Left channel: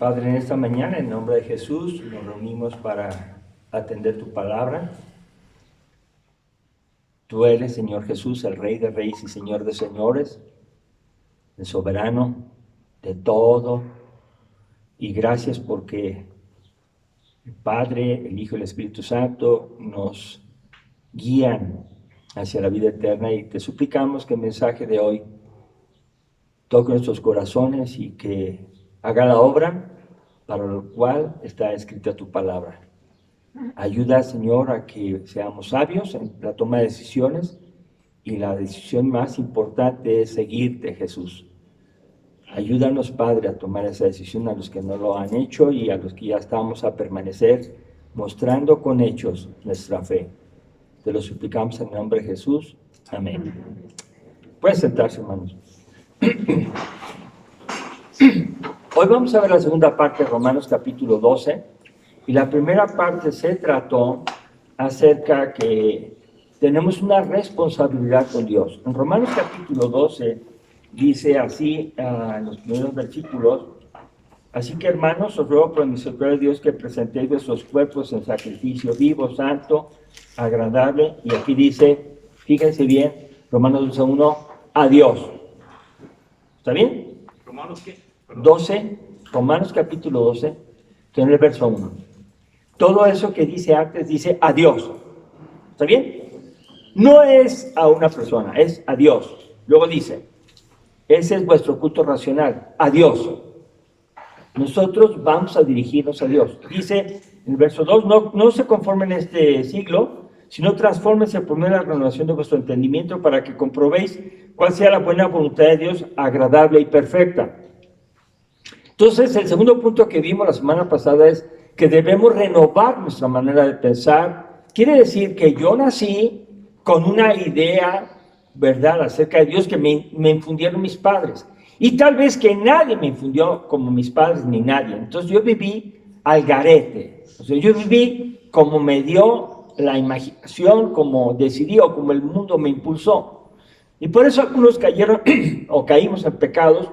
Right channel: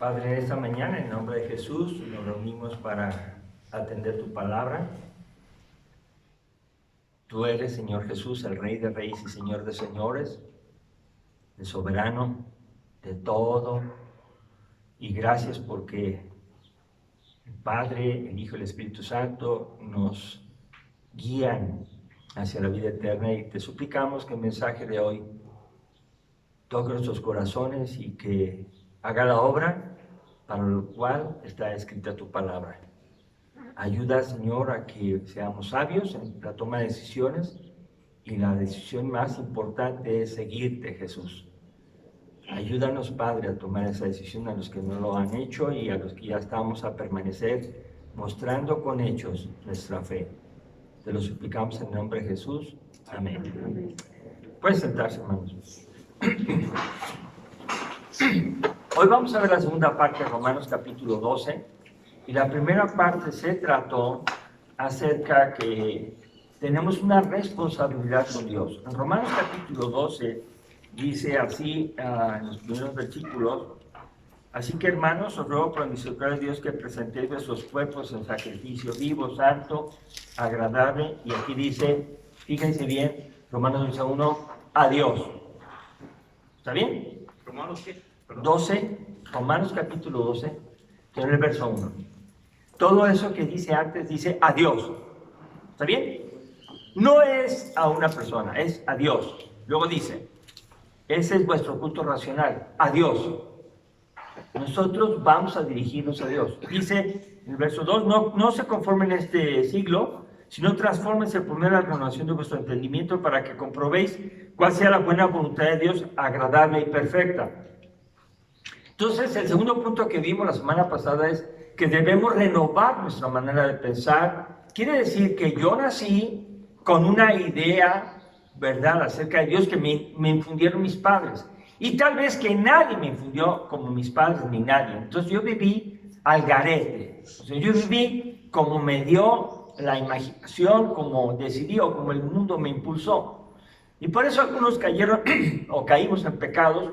Padre, en esta mañana, en nombre de Jesús, nos reunimos para atender tu palabra. Tú eres, Señor Jesús, el Rey de Reyes y Señor de Señores, el soberano de todo. Y gracias porque el Padre, el Hijo y el Espíritu Santo nos guían hacia la vida eterna. Y te suplicamos que el mensaje de hoy toque nuestros corazones y que haga la obra para lo cual está escrita tu palabra. Ayuda, Señor, a que seamos sabios en la toma de decisiones, y la decisión más importante es seguirte, Jesús. Ayúdanos, Padre, a tomar esa decisión, a los que no lo han hecho y a los que ya estamos a permanecer mostrando con hechos nuestra fe. Te lo suplicamos en el nombre de Jesús. Amén. Pueden sentarse, hermanos. Hoy vamos a ver la segunda parte de Romanos capítulo 12, y la primera parte se trató acerca que tenemos una responsabilidad con Dios. En Romanos capítulo 12 dice así en los primeros versículos: así que, hermanos, os ruego por la misericordia de Dios que presentéis vuestros cuerpos en sacrificio vivo, santo, agradable, y aquí dice, fíjense bien, Romanos 12:1, a Dios. ¿Está bien? ¿Romanos qué? Perdón. 12, Romanos capítulo 12, que en el verso 1. Todo eso que dice antes dice a Dios. ¿Está bien? No es a una persona, es a Dios. Luego dice, ese es vuestro culto racional, a Dios. Nosotros vamos a dirigirnos a Dios. Dice en el verso 2, no se conformen en este siglo, sino transfórmense por medio de la renovación de vuestro entendimiento para que comprobéis cuál sea la buena voluntad de Dios, agradable y perfecta. Entonces, el segundo punto que vimos la semana pasada es que debemos renovar nuestra manera de pensar. Quiere decir que yo nací con una idea, ¿verdad?, acerca de Dios que me infundieron mis padres. Y tal vez que nadie me infundió como mis padres ni nadie. Entonces yo viví al garete. O sea, yo viví como me dio la imaginación, como decidí o como el mundo me impulsó. Y por eso algunos cayeron o caímos en pecados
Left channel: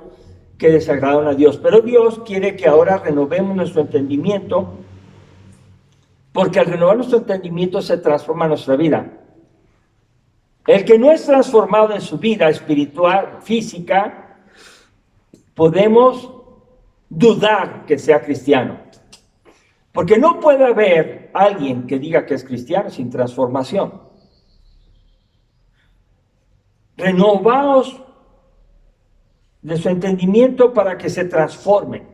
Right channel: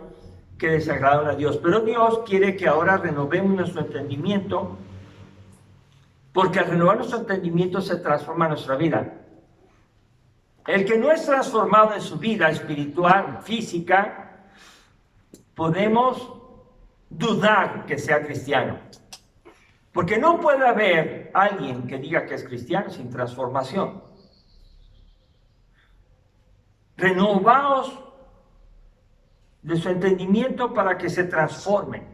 que desagradaron a Dios. Pero Dios quiere que ahora renovemos nuestro entendimiento, porque al renovar nuestro entendimiento se transforma nuestra vida. El que no es transformado en su vida espiritual, física, podemos dudar que sea cristiano. Porque no puede haber alguien que diga que es cristiano sin transformación. Renovaos de su entendimiento para que se transformen.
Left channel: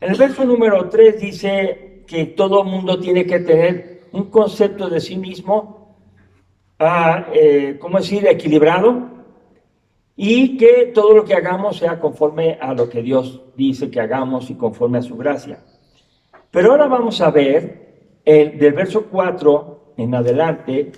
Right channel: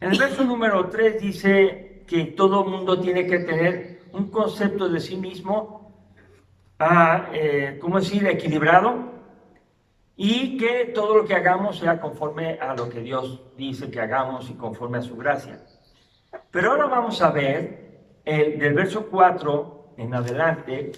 En el verso número 3 dice que todo mundo tiene que tener un concepto de sí mismo, ¿cómo decir?, equilibrado, y que todo lo que hagamos sea conforme a lo que Dios dice que hagamos y conforme a su gracia. Pero ahora vamos a ver del verso 4 en adelante,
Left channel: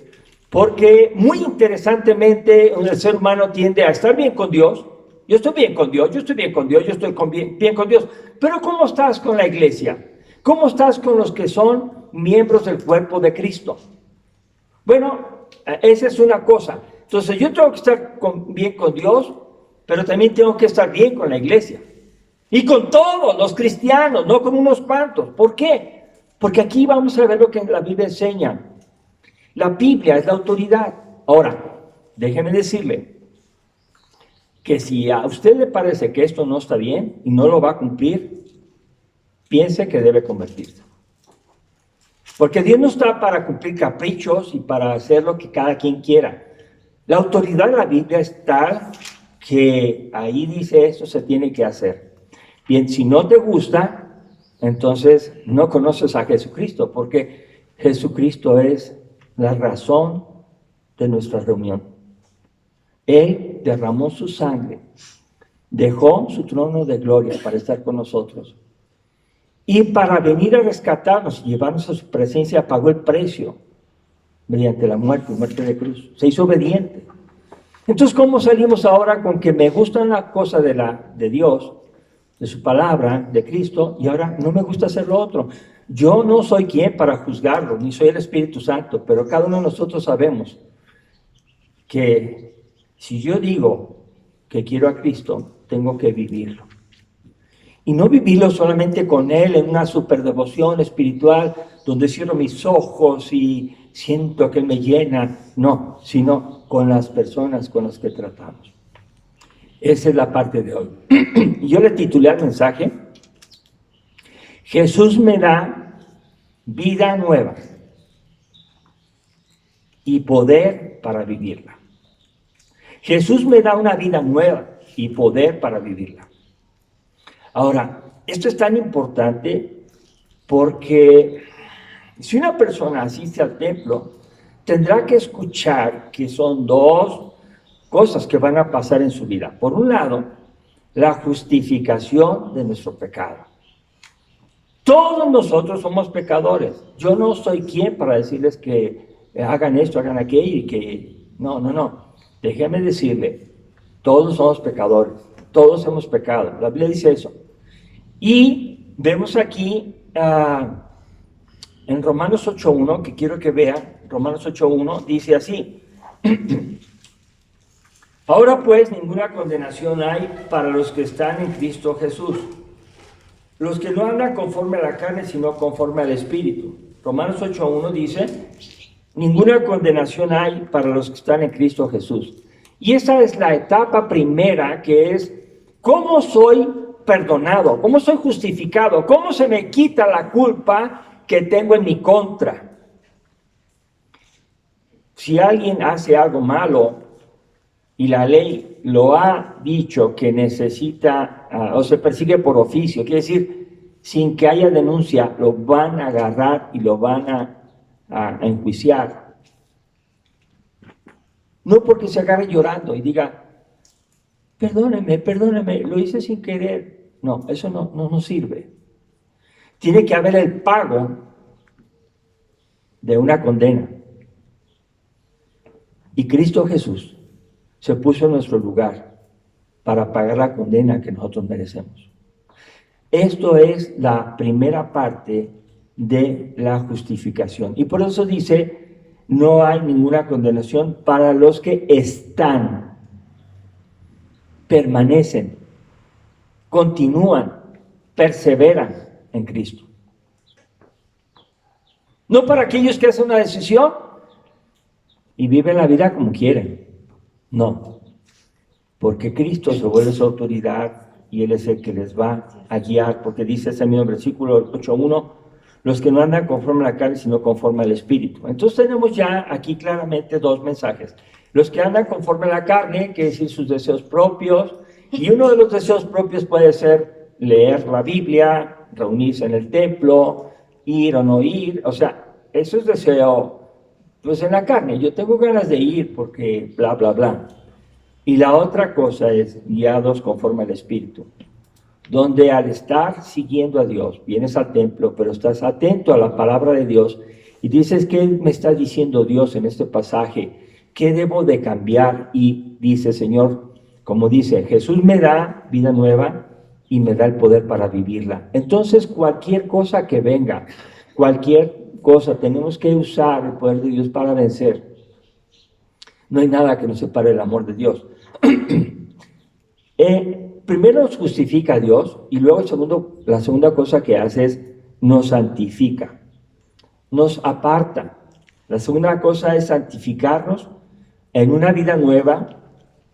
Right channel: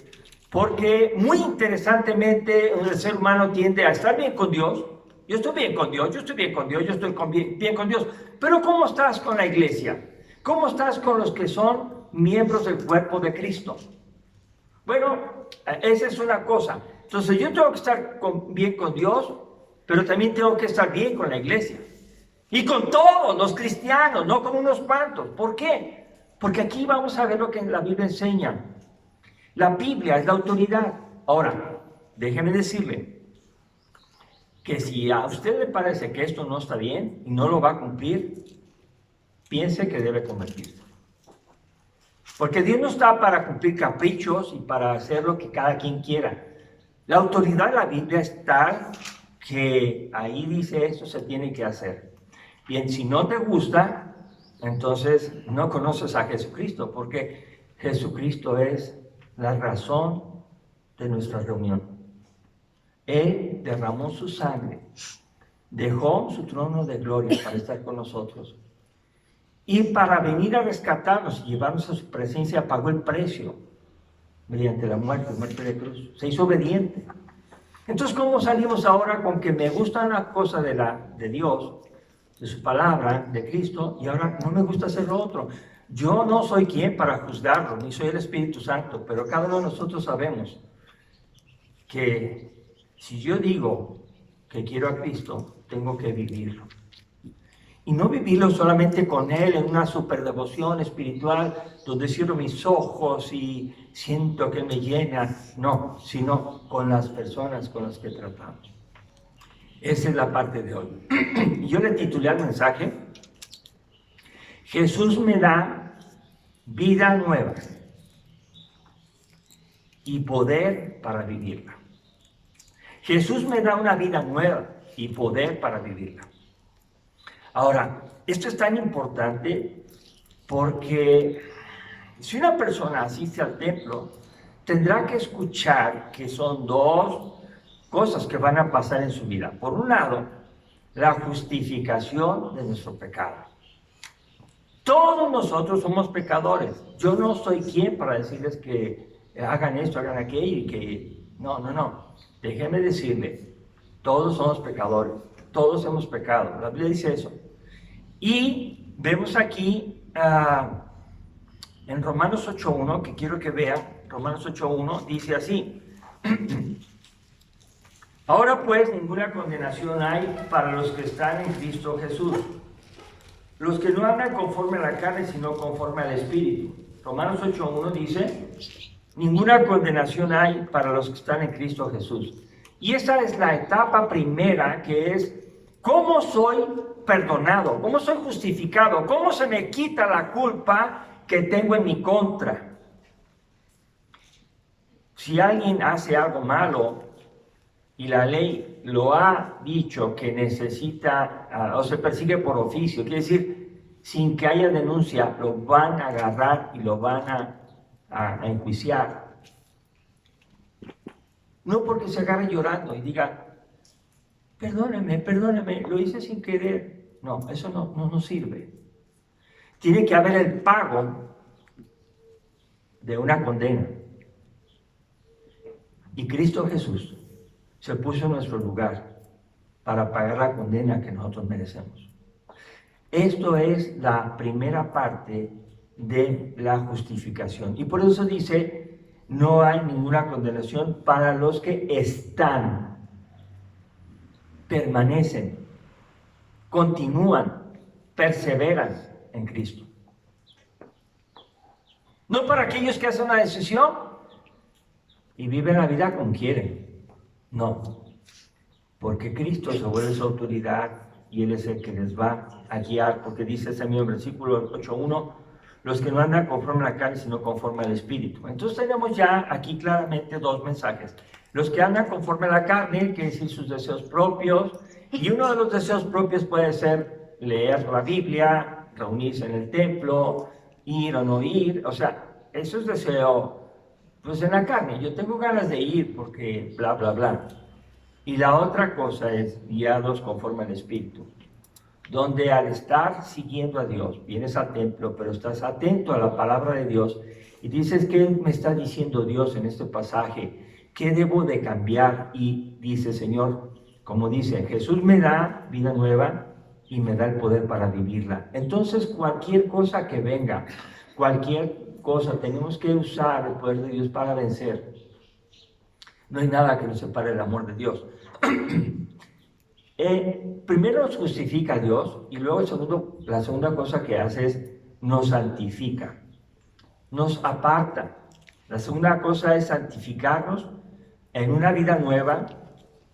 porque muy interesantemente el ser humano tiende a estar bien con Dios. Yo estoy bien con Dios, yo estoy bien con Dios, yo estoy bien con Dios. Pero ¿cómo estás con la iglesia? ¿Cómo estás con los que son miembros del cuerpo de Cristo? Bueno, esa es una cosa. Entonces yo tengo que estar bien con Dios, pero también tengo que estar bien con la iglesia. Y con todos los cristianos, no con unos cuantos. ¿Por qué? Porque aquí vamos a ver lo que la Biblia enseña. La Biblia es la autoridad. Ahora, déjeme decirle que si a usted le parece que esto no está bien y no lo va a cumplir, piense que debe convertirse. Porque Dios no está para cumplir caprichos y para hacer lo que cada quien quiera. La autoridad de la Biblia es tal que ahí dice esto se tiene que hacer. Bien, si no te gusta, entonces no conoces a Jesucristo, porque Jesucristo es la razón de nuestra reunión. Él derramó su sangre, dejó su trono de gloria para estar con nosotros. Y para venir a rescatarnos y llevarnos a su presencia, pagó el precio mediante la muerte de cruz. Se hizo obediente. Entonces, ¿cómo salimos ahora con que me gusta una cosa de Dios, de su palabra, de Cristo, y ahora no me gusta hacer lo otro? Yo no soy quien para juzgarlo, ni soy el Espíritu Santo, pero cada uno de nosotros sabemos que si yo digo que quiero a Cristo, tengo que vivirlo. Y no vivirlo solamente con Él en una superdevoción espiritual donde cierro mis ojos y siento que Él me llena. No, sino con las personas con las que tratamos. Esa es la parte de hoy. Y yo le titulé al mensaje: Jesús me da vida nueva y poder para vivirla. Jesús me da una vida nueva y poder para vivirla. Ahora, esto es tan importante porque si una persona asiste al templo, tendrá que escuchar que son dos cosas que van a pasar en su vida. Por un lado, la justificación de nuestro pecado. Todos nosotros somos pecadores. Yo no soy quien para decirles que hagan esto, hagan aquello y que... No. Déjeme decirle, todos somos pecadores. Todos hemos pecado. La Biblia dice eso. Y vemos aquí en Romanos 8.1, que quiero que vean, Romanos 8.1 dice así: ahora pues ninguna condenación hay para los que están en Cristo Jesús, los que no andan conforme a la carne, sino conforme al Espíritu. Romanos 8.1 dice: ninguna condenación hay para los que están en Cristo Jesús. Y esa es la etapa primera, que es: ¿cómo soy perdonado? ¿Cómo soy justificado? ¿Cómo se me quita la culpa que tengo en mi contra? Si alguien hace algo malo y la ley lo ha dicho que necesita o se persigue por oficio, quiere decir, sin que haya denuncia, lo van a agarrar y lo van a enjuiciar. No porque se agarre llorando y diga: perdóneme, lo hice sin querer. No, eso no sirve. Tiene que haber el pago de una condena. Y Cristo Jesús se puso en nuestro lugar para pagar la condena que nosotros merecemos. Esto es la primera parte de la justificación. Y por eso dice: no hay ninguna condenación para los que están, permanecen, continúan, perseveran en Cristo. No para aquellos que hacen una decisión y viven la vida como quieren. No, porque Cristo se vuelve su autoridad y Él es el que les va a guiar, porque dice ese mismo versículo 8.1: los que no andan conforme a la carne, sino conforme al Espíritu. Entonces tenemos ya aquí claramente dos mensajes. Los que andan conforme a la carne, que es decir, sus deseos propios, y uno de los deseos propios puede ser leer la Biblia, reunirse en el templo, ir o no ir, o sea, eso es deseo, pues en la carne. Yo tengo ganas de ir porque bla, bla, bla. Y la otra cosa es guiados conforme al Espíritu, donde al estar siguiendo a Dios, vienes al templo, pero estás atento a la palabra de Dios y dices: ¿qué me está diciendo Dios en este pasaje? ¿Qué debo de cambiar? Y dice: Señor, como dice, Jesús me da vida nueva y me da el poder para vivirla. Entonces, cualquier cosa que venga, cualquier cosa, tenemos que usar el poder de Dios para vencer. No hay nada que nos separe del amor de Dios. Primero nos justifica a Dios y luego la segunda cosa que hace es nos santifica, nos aparta. La segunda cosa es santificarnos en una vida nueva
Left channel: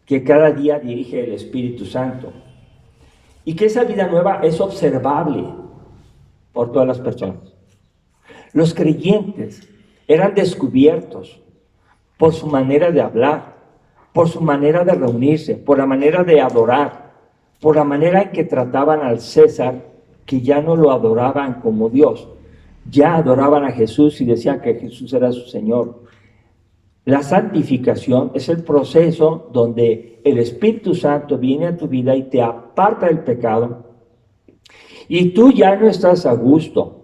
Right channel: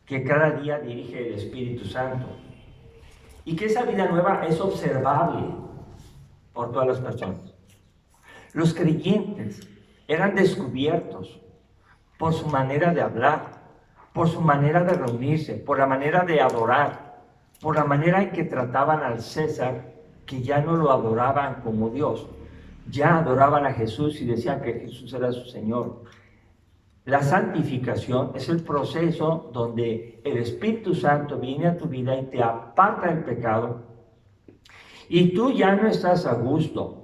que cada día dirige el Espíritu Santo. Y que esa vida nueva es observable por todas las personas. Los creyentes eran descubiertos por su manera de hablar, por su manera de reunirse, por la manera de adorar, por la manera en que trataban al César, que ya no lo adoraban como Dios, ya adoraban a Jesús y decían que Jesús era su Señor. La santificación es el proceso donde el Espíritu Santo viene a tu vida y te aparta del pecado, y tú ya no estás a gusto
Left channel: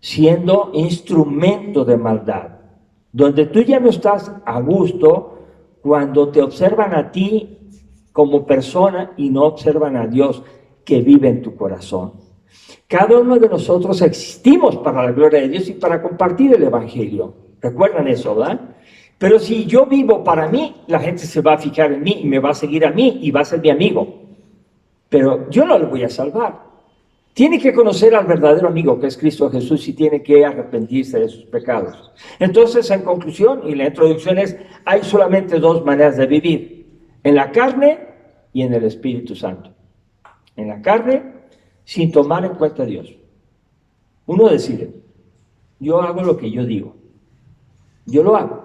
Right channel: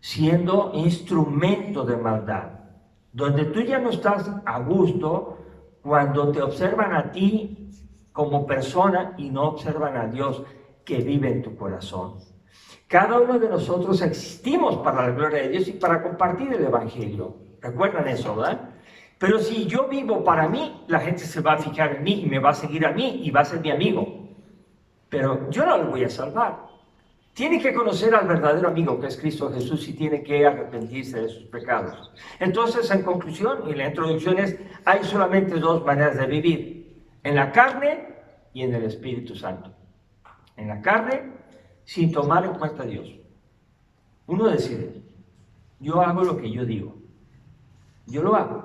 siendo instrumento de maldad, donde tú ya no estás a gusto cuando te observan a ti como persona y no observan a Dios que vive en tu corazón. Cada uno de nosotros existimos para la gloria de Dios y para compartir el Evangelio. ¿Recuerdan eso, verdad? Pero si yo vivo para mí, la gente se va a fijar en mí y me va a seguir a mí y va a ser mi amigo. Pero yo no lo voy a salvar. Tiene que conocer al verdadero amigo que es Cristo Jesús y tiene que arrepentirse de sus pecados. Entonces, en conclusión, y la introducción es, hay solamente dos maneras de vivir, en la carne y en el Espíritu Santo. En la carne, sin tomar en cuenta a Dios. Uno decide, yo hago lo que yo digo, yo lo hago.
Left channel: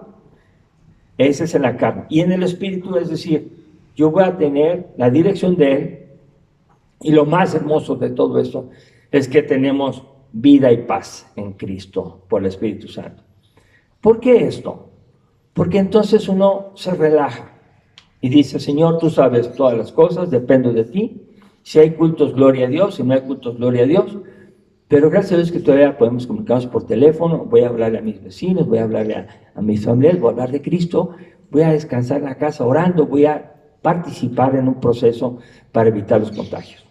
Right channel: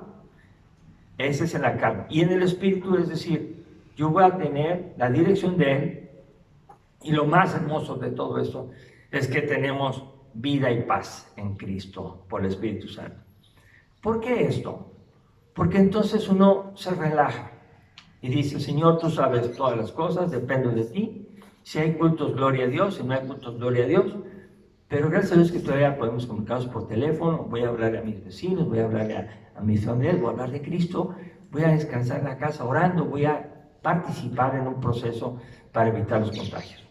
Ese es en la carne. Y en el Espíritu, es decir, yo voy a tener la dirección de Él. Y lo más hermoso de todo esto es que tenemos vida y paz en Cristo por el Espíritu Santo. ¿Por qué esto? Porque entonces uno se relaja y dice, Señor, tú sabes todas las cosas, dependo de ti. Si hay cultos, gloria a Dios. Si no hay cultos, gloria a Dios. Pero gracias a Dios que todavía podemos comunicarnos por teléfono. Voy a hablarle a mis vecinos, voy a hablarle a mis familiares, voy a hablar de Cristo. Voy a descansar en la casa orando, voy a participar en un proceso para evitar los contagios.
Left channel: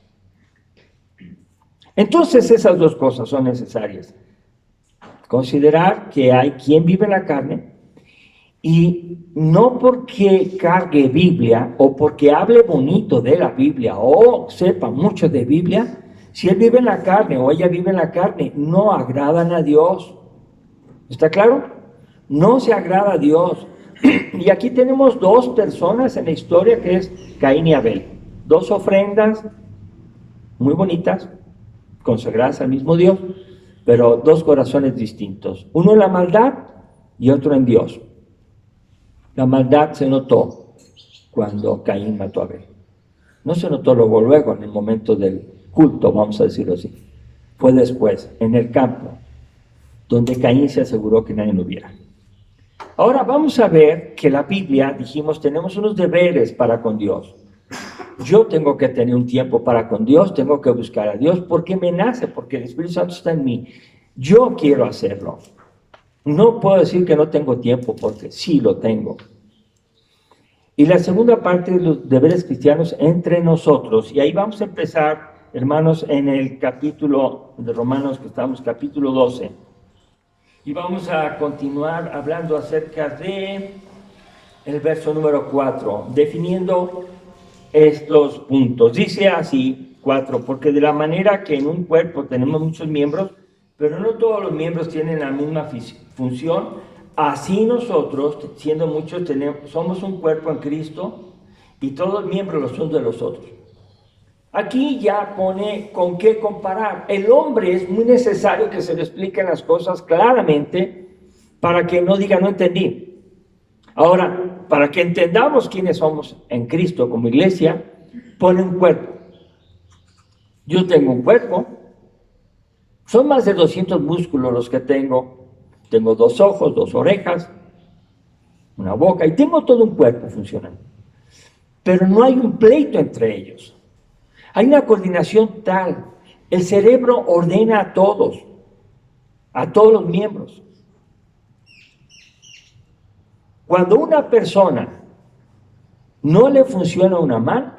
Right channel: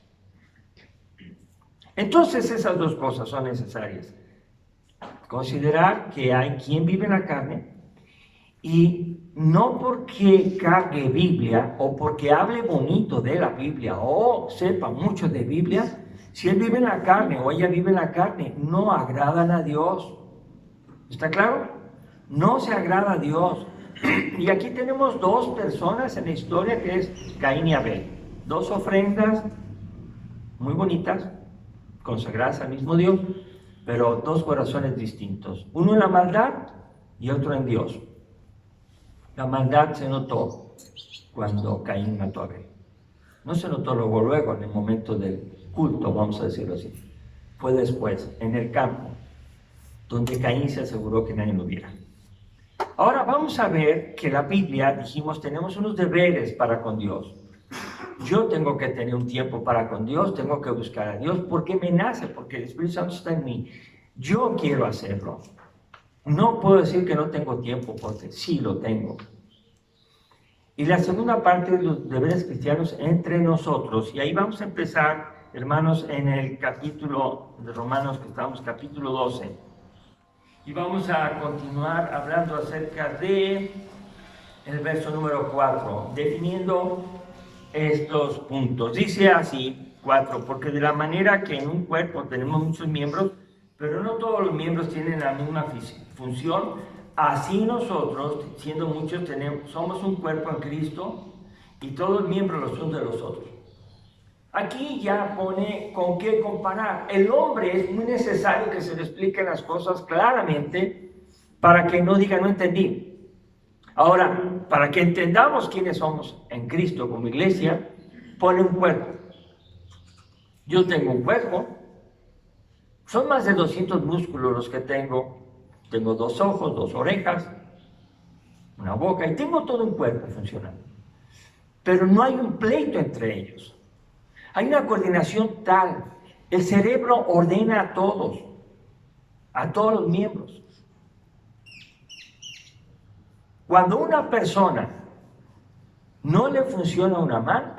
Entonces esas dos cosas son necesarias. Considerar que hay quien vive en la carne y no porque cargue Biblia o porque hable bonito de la Biblia o sepa mucho de Biblia, si él vive en la carne o ella vive en la carne, no agradan a Dios. ¿Está claro? No se agrada a Dios. Y aquí tenemos dos personas en la historia que es Caín y Abel. Dos ofrendas muy bonitas, consagradas al mismo Dios, pero dos corazones distintos. Uno en la maldad y otro en Dios. La maldad se notó cuando Caín mató a Abel. No se notó luego, en el momento del culto, vamos a decirlo así. Fue después, en el campo, donde Caín se aseguró que nadie lo viera. Ahora vamos a ver que la Biblia, dijimos, tenemos unos deberes para con Dios. Yo tengo que tener un tiempo para con Dios, tengo que buscar a Dios, porque me nace, porque el Espíritu Santo está en mí. Yo quiero hacerlo. No puedo decir que no tengo tiempo, porque sí lo tengo. Y la segunda parte de los deberes cristianos entre nosotros, y ahí vamos a empezar, hermanos, en el capítulo de Romanos, que estamos, capítulo 12. Y vamos a continuar hablando acerca de el verso número 4, definiendo estos puntos. Dice así, 4, porque de la manera que en un cuerpo tenemos muchos miembros, pero no todos los miembros tienen la misma función, así nosotros, siendo muchos, somos un cuerpo en Cristo y todos los miembros los unos de los otros. Aquí ya pone con qué comparar. El hombre es muy necesario que se le expliquen las cosas claramente para que no diga no entendí. Ahora, para que entendamos quiénes somos en Cristo como iglesia, pone un cuerpo. Yo tengo un cuerpo, son más de 200 músculos los que tengo. Tengo 2 ojos, 2 orejas, una boca y tengo todo un cuerpo funcionando. Pero no hay un pleito entre ellos. Hay una coordinación tal. El cerebro ordena a todos los miembros. Cuando una persona no le funciona una mano,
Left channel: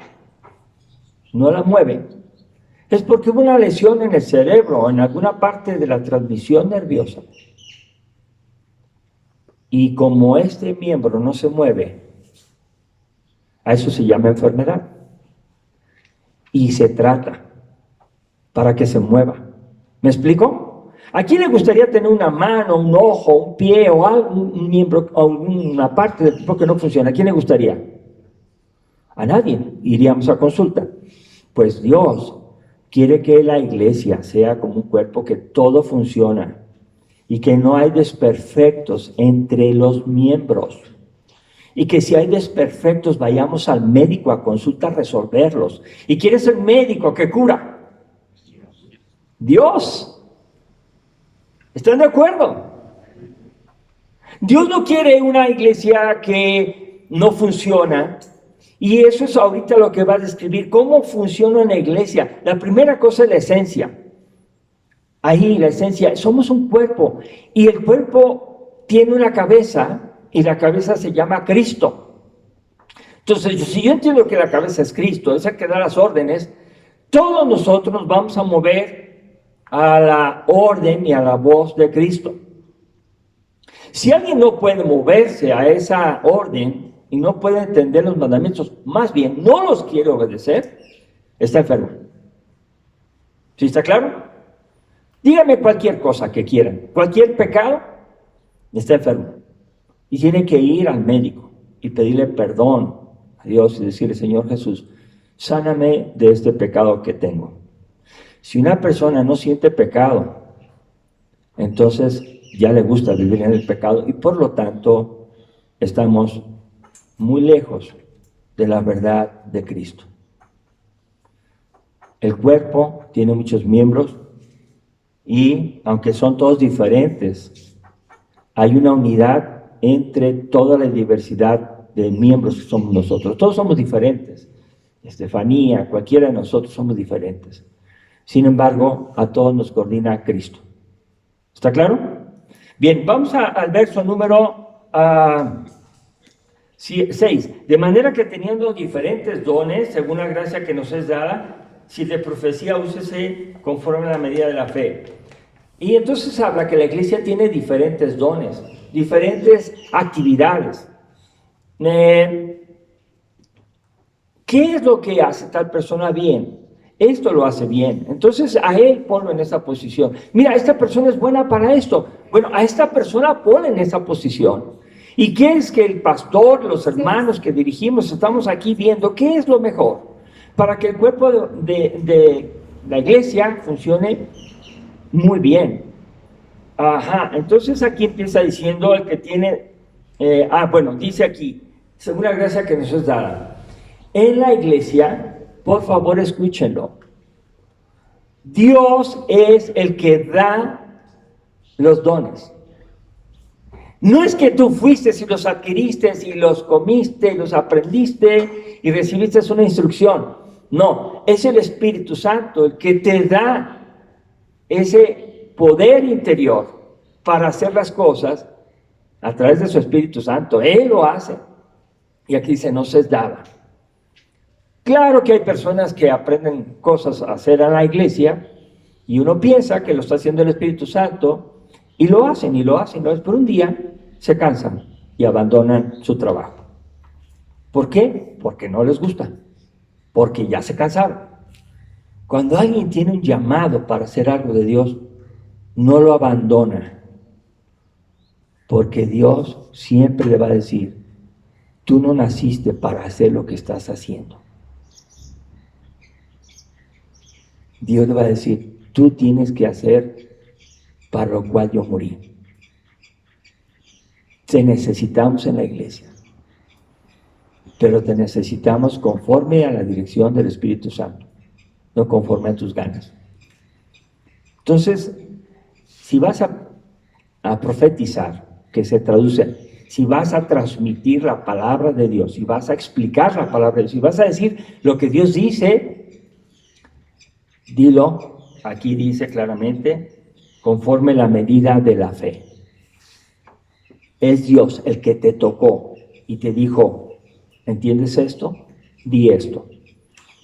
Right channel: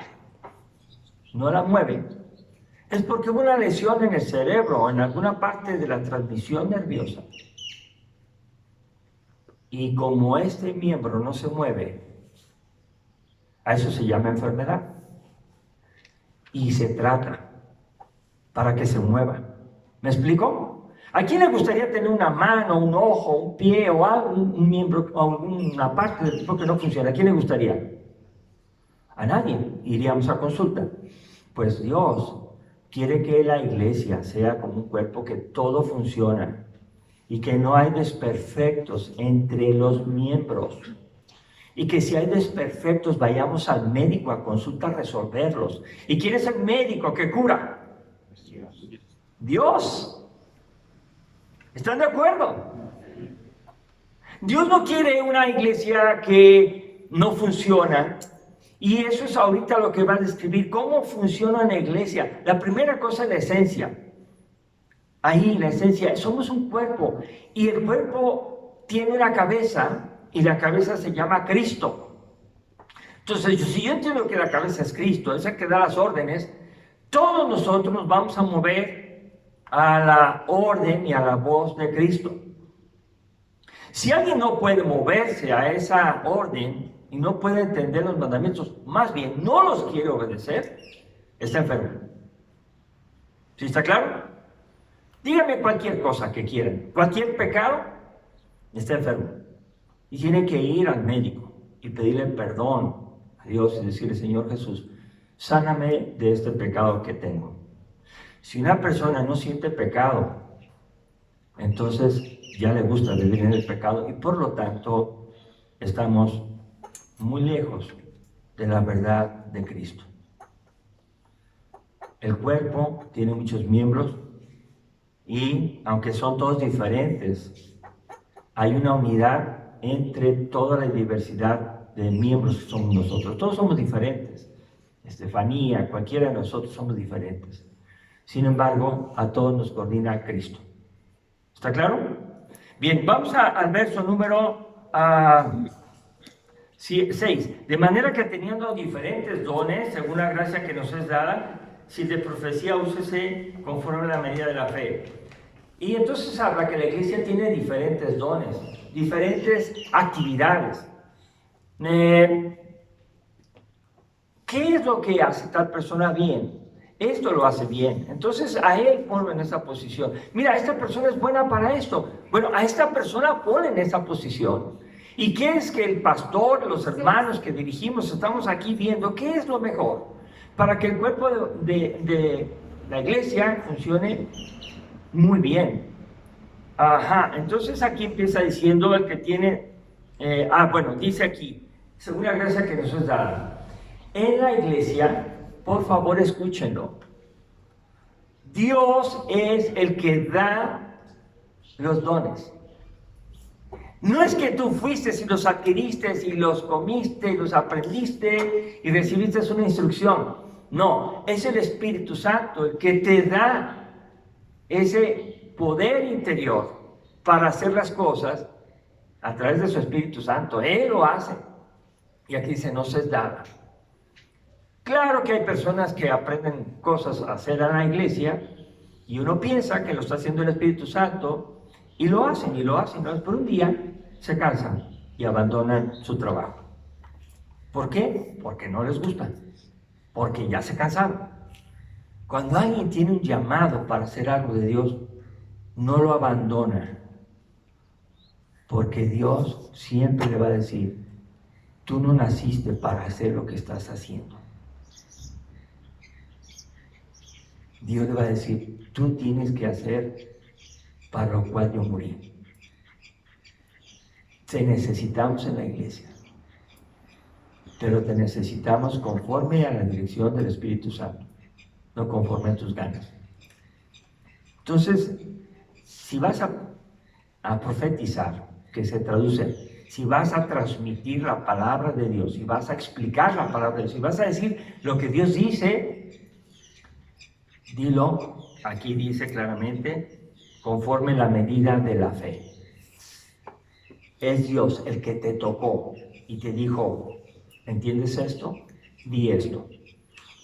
no la mueve, es porque hubo una lesión en el cerebro o en alguna parte de la transmisión nerviosa. Y como este miembro no se mueve, a eso se llama enfermedad. Y se trata para que se mueva. ¿Me explico? ¿A quién le gustaría tener una mano, un ojo, un pie o un miembro o una parte del cuerpo que no funciona? ¿A quién le gustaría? A nadie. Iríamos a consulta. Pues Dios quiere que la iglesia sea como un cuerpo que todo funciona y que no hay desperfectos entre los miembros. Y que si hay desperfectos vayamos al médico a consulta a resolverlos. ¿Y quién es el médico que cura? Dios. ¿Están de acuerdo? Dios no quiere una iglesia que no funciona. Y eso es ahorita lo que va a describir. ¿Cómo funciona una iglesia? La primera cosa es la esencia. Ahí la esencia. Somos un cuerpo. Y el cuerpo tiene una cabeza. Y la cabeza se llama Cristo. Entonces, si yo entiendo que la cabeza es Cristo, es el que da las órdenes, todos nosotros nos vamos a mover a la orden y a la voz de Cristo. Si alguien no puede moverse a esa orden y no puede entender los mandamientos, más bien no los quiere obedecer, está enfermo. ¿Sí está claro? Dígame cualquier cosa que quieran, cualquier pecado, está enfermo. Y tiene que ir al médico y pedirle perdón a Dios y decirle, Señor Jesús, sáname de este pecado que tengo. Si una persona no siente pecado, entonces ya le gusta vivir en el pecado y por lo tanto estamos muy lejos de la verdad de Cristo. El cuerpo tiene muchos miembros y aunque son todos diferentes, hay una unidad entre toda la diversidad de miembros que somos nosotros. Todos somos diferentes. Estefanía, cualquiera de nosotros somos diferentes. Sin embargo, a todos nos coordina Cristo. ¿Está claro? Bien, vamos al verso número 6. De manera que teniendo diferentes dones, según la gracia que nos es dada, si de profecía úsese conforme a la medida de la fe. Y entonces habla que la iglesia tiene diferentes dones, diferentes actividades. ¿Qué es lo que hace tal persona bien? Esto lo hace bien. Entonces a él ponlo en esa posición. Mira, esta persona es buena para esto. Bueno, a esta persona ponle en esa posición. ¿Y qué es que el pastor, los hermanos que dirigimos, estamos aquí viendo qué es lo mejor para que el cuerpo de la iglesia funcione muy bien? Ajá, entonces aquí empieza diciendo el que tiene, dice aquí, según la gracia que nos es dada. En la iglesia, por favor escúchenlo, Dios es el que da los dones. No es que tú fuiste y los adquiriste y los comiste y los aprendiste y recibiste una instrucción. No, es el Espíritu Santo el que te da ese poder interior para hacer las cosas a través de su Espíritu Santo. Él lo hace. Y aquí dice, no se es dada. Claro que hay personas que aprenden cosas a hacer en la iglesia y uno piensa que lo está haciendo el Espíritu Santo y lo hacen, pero un día se cansan y abandonan su trabajo. ¿Por qué? Porque no les gusta, porque ya se cansaron. Cuando alguien tiene un llamado para hacer algo de Dios, no lo abandona, porque Dios siempre le va a decir, tú no naciste para hacer lo que estás haciendo. Dios le va a decir, tú tienes que hacer para lo cual yo morí. Te necesitamos en la iglesia, pero te necesitamos conforme a la dirección del Espíritu Santo, no conforme a tus ganas. Entonces, si vas a profetizar, que se traduce, si vas a transmitir la palabra de Dios, si vas a explicar la palabra de Dios, si vas a decir lo que Dios dice, dilo, aquí dice claramente, conforme la medida de la fe. Es Dios el que te tocó y te dijo, ¿entiendes esto? Di esto.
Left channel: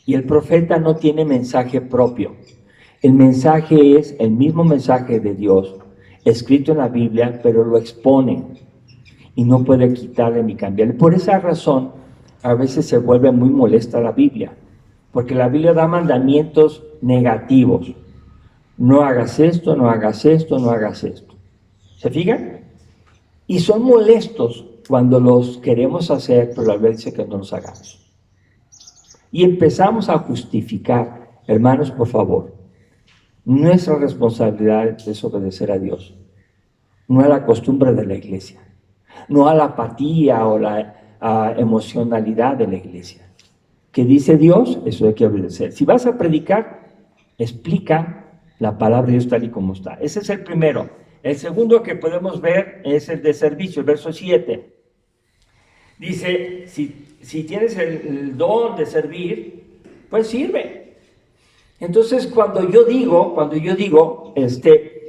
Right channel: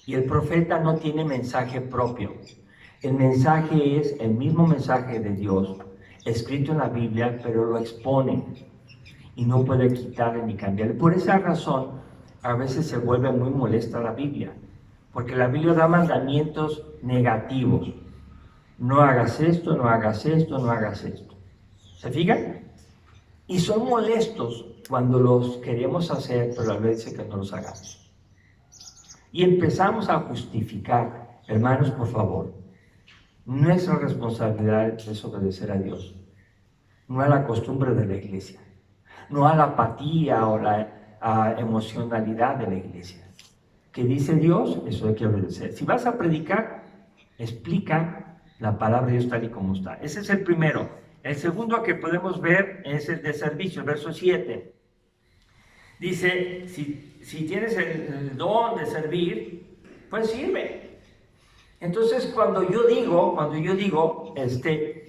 Y el profeta no tiene mensaje propio. El mensaje es el mismo mensaje de Dios, escrito en la Biblia, pero lo expone y no puede quitarle ni cambiarle. Por esa razón, a veces se vuelve muy molesta la Biblia, porque la Biblia da mandamientos negativos. No hagas esto, no hagas esto, no hagas esto. ¿Se fijan? Y son molestos cuando los queremos hacer, pero la Biblia dice que no los hagamos. Y empezamos a justificar, hermanos, por favor, nuestra responsabilidad es obedecer a Dios, no a la costumbre de la iglesia, no a la apatía o la emocionalidad de la iglesia. ¿Qué dice Dios? Eso hay que obedecer. Si vas a predicar, explica la palabra de Dios tal y como está. Ese es el primero. El segundo que podemos ver es el de servicio, el verso 7. Dice, si tienes el don de servir, pues sirve. Entonces, cuando yo digo,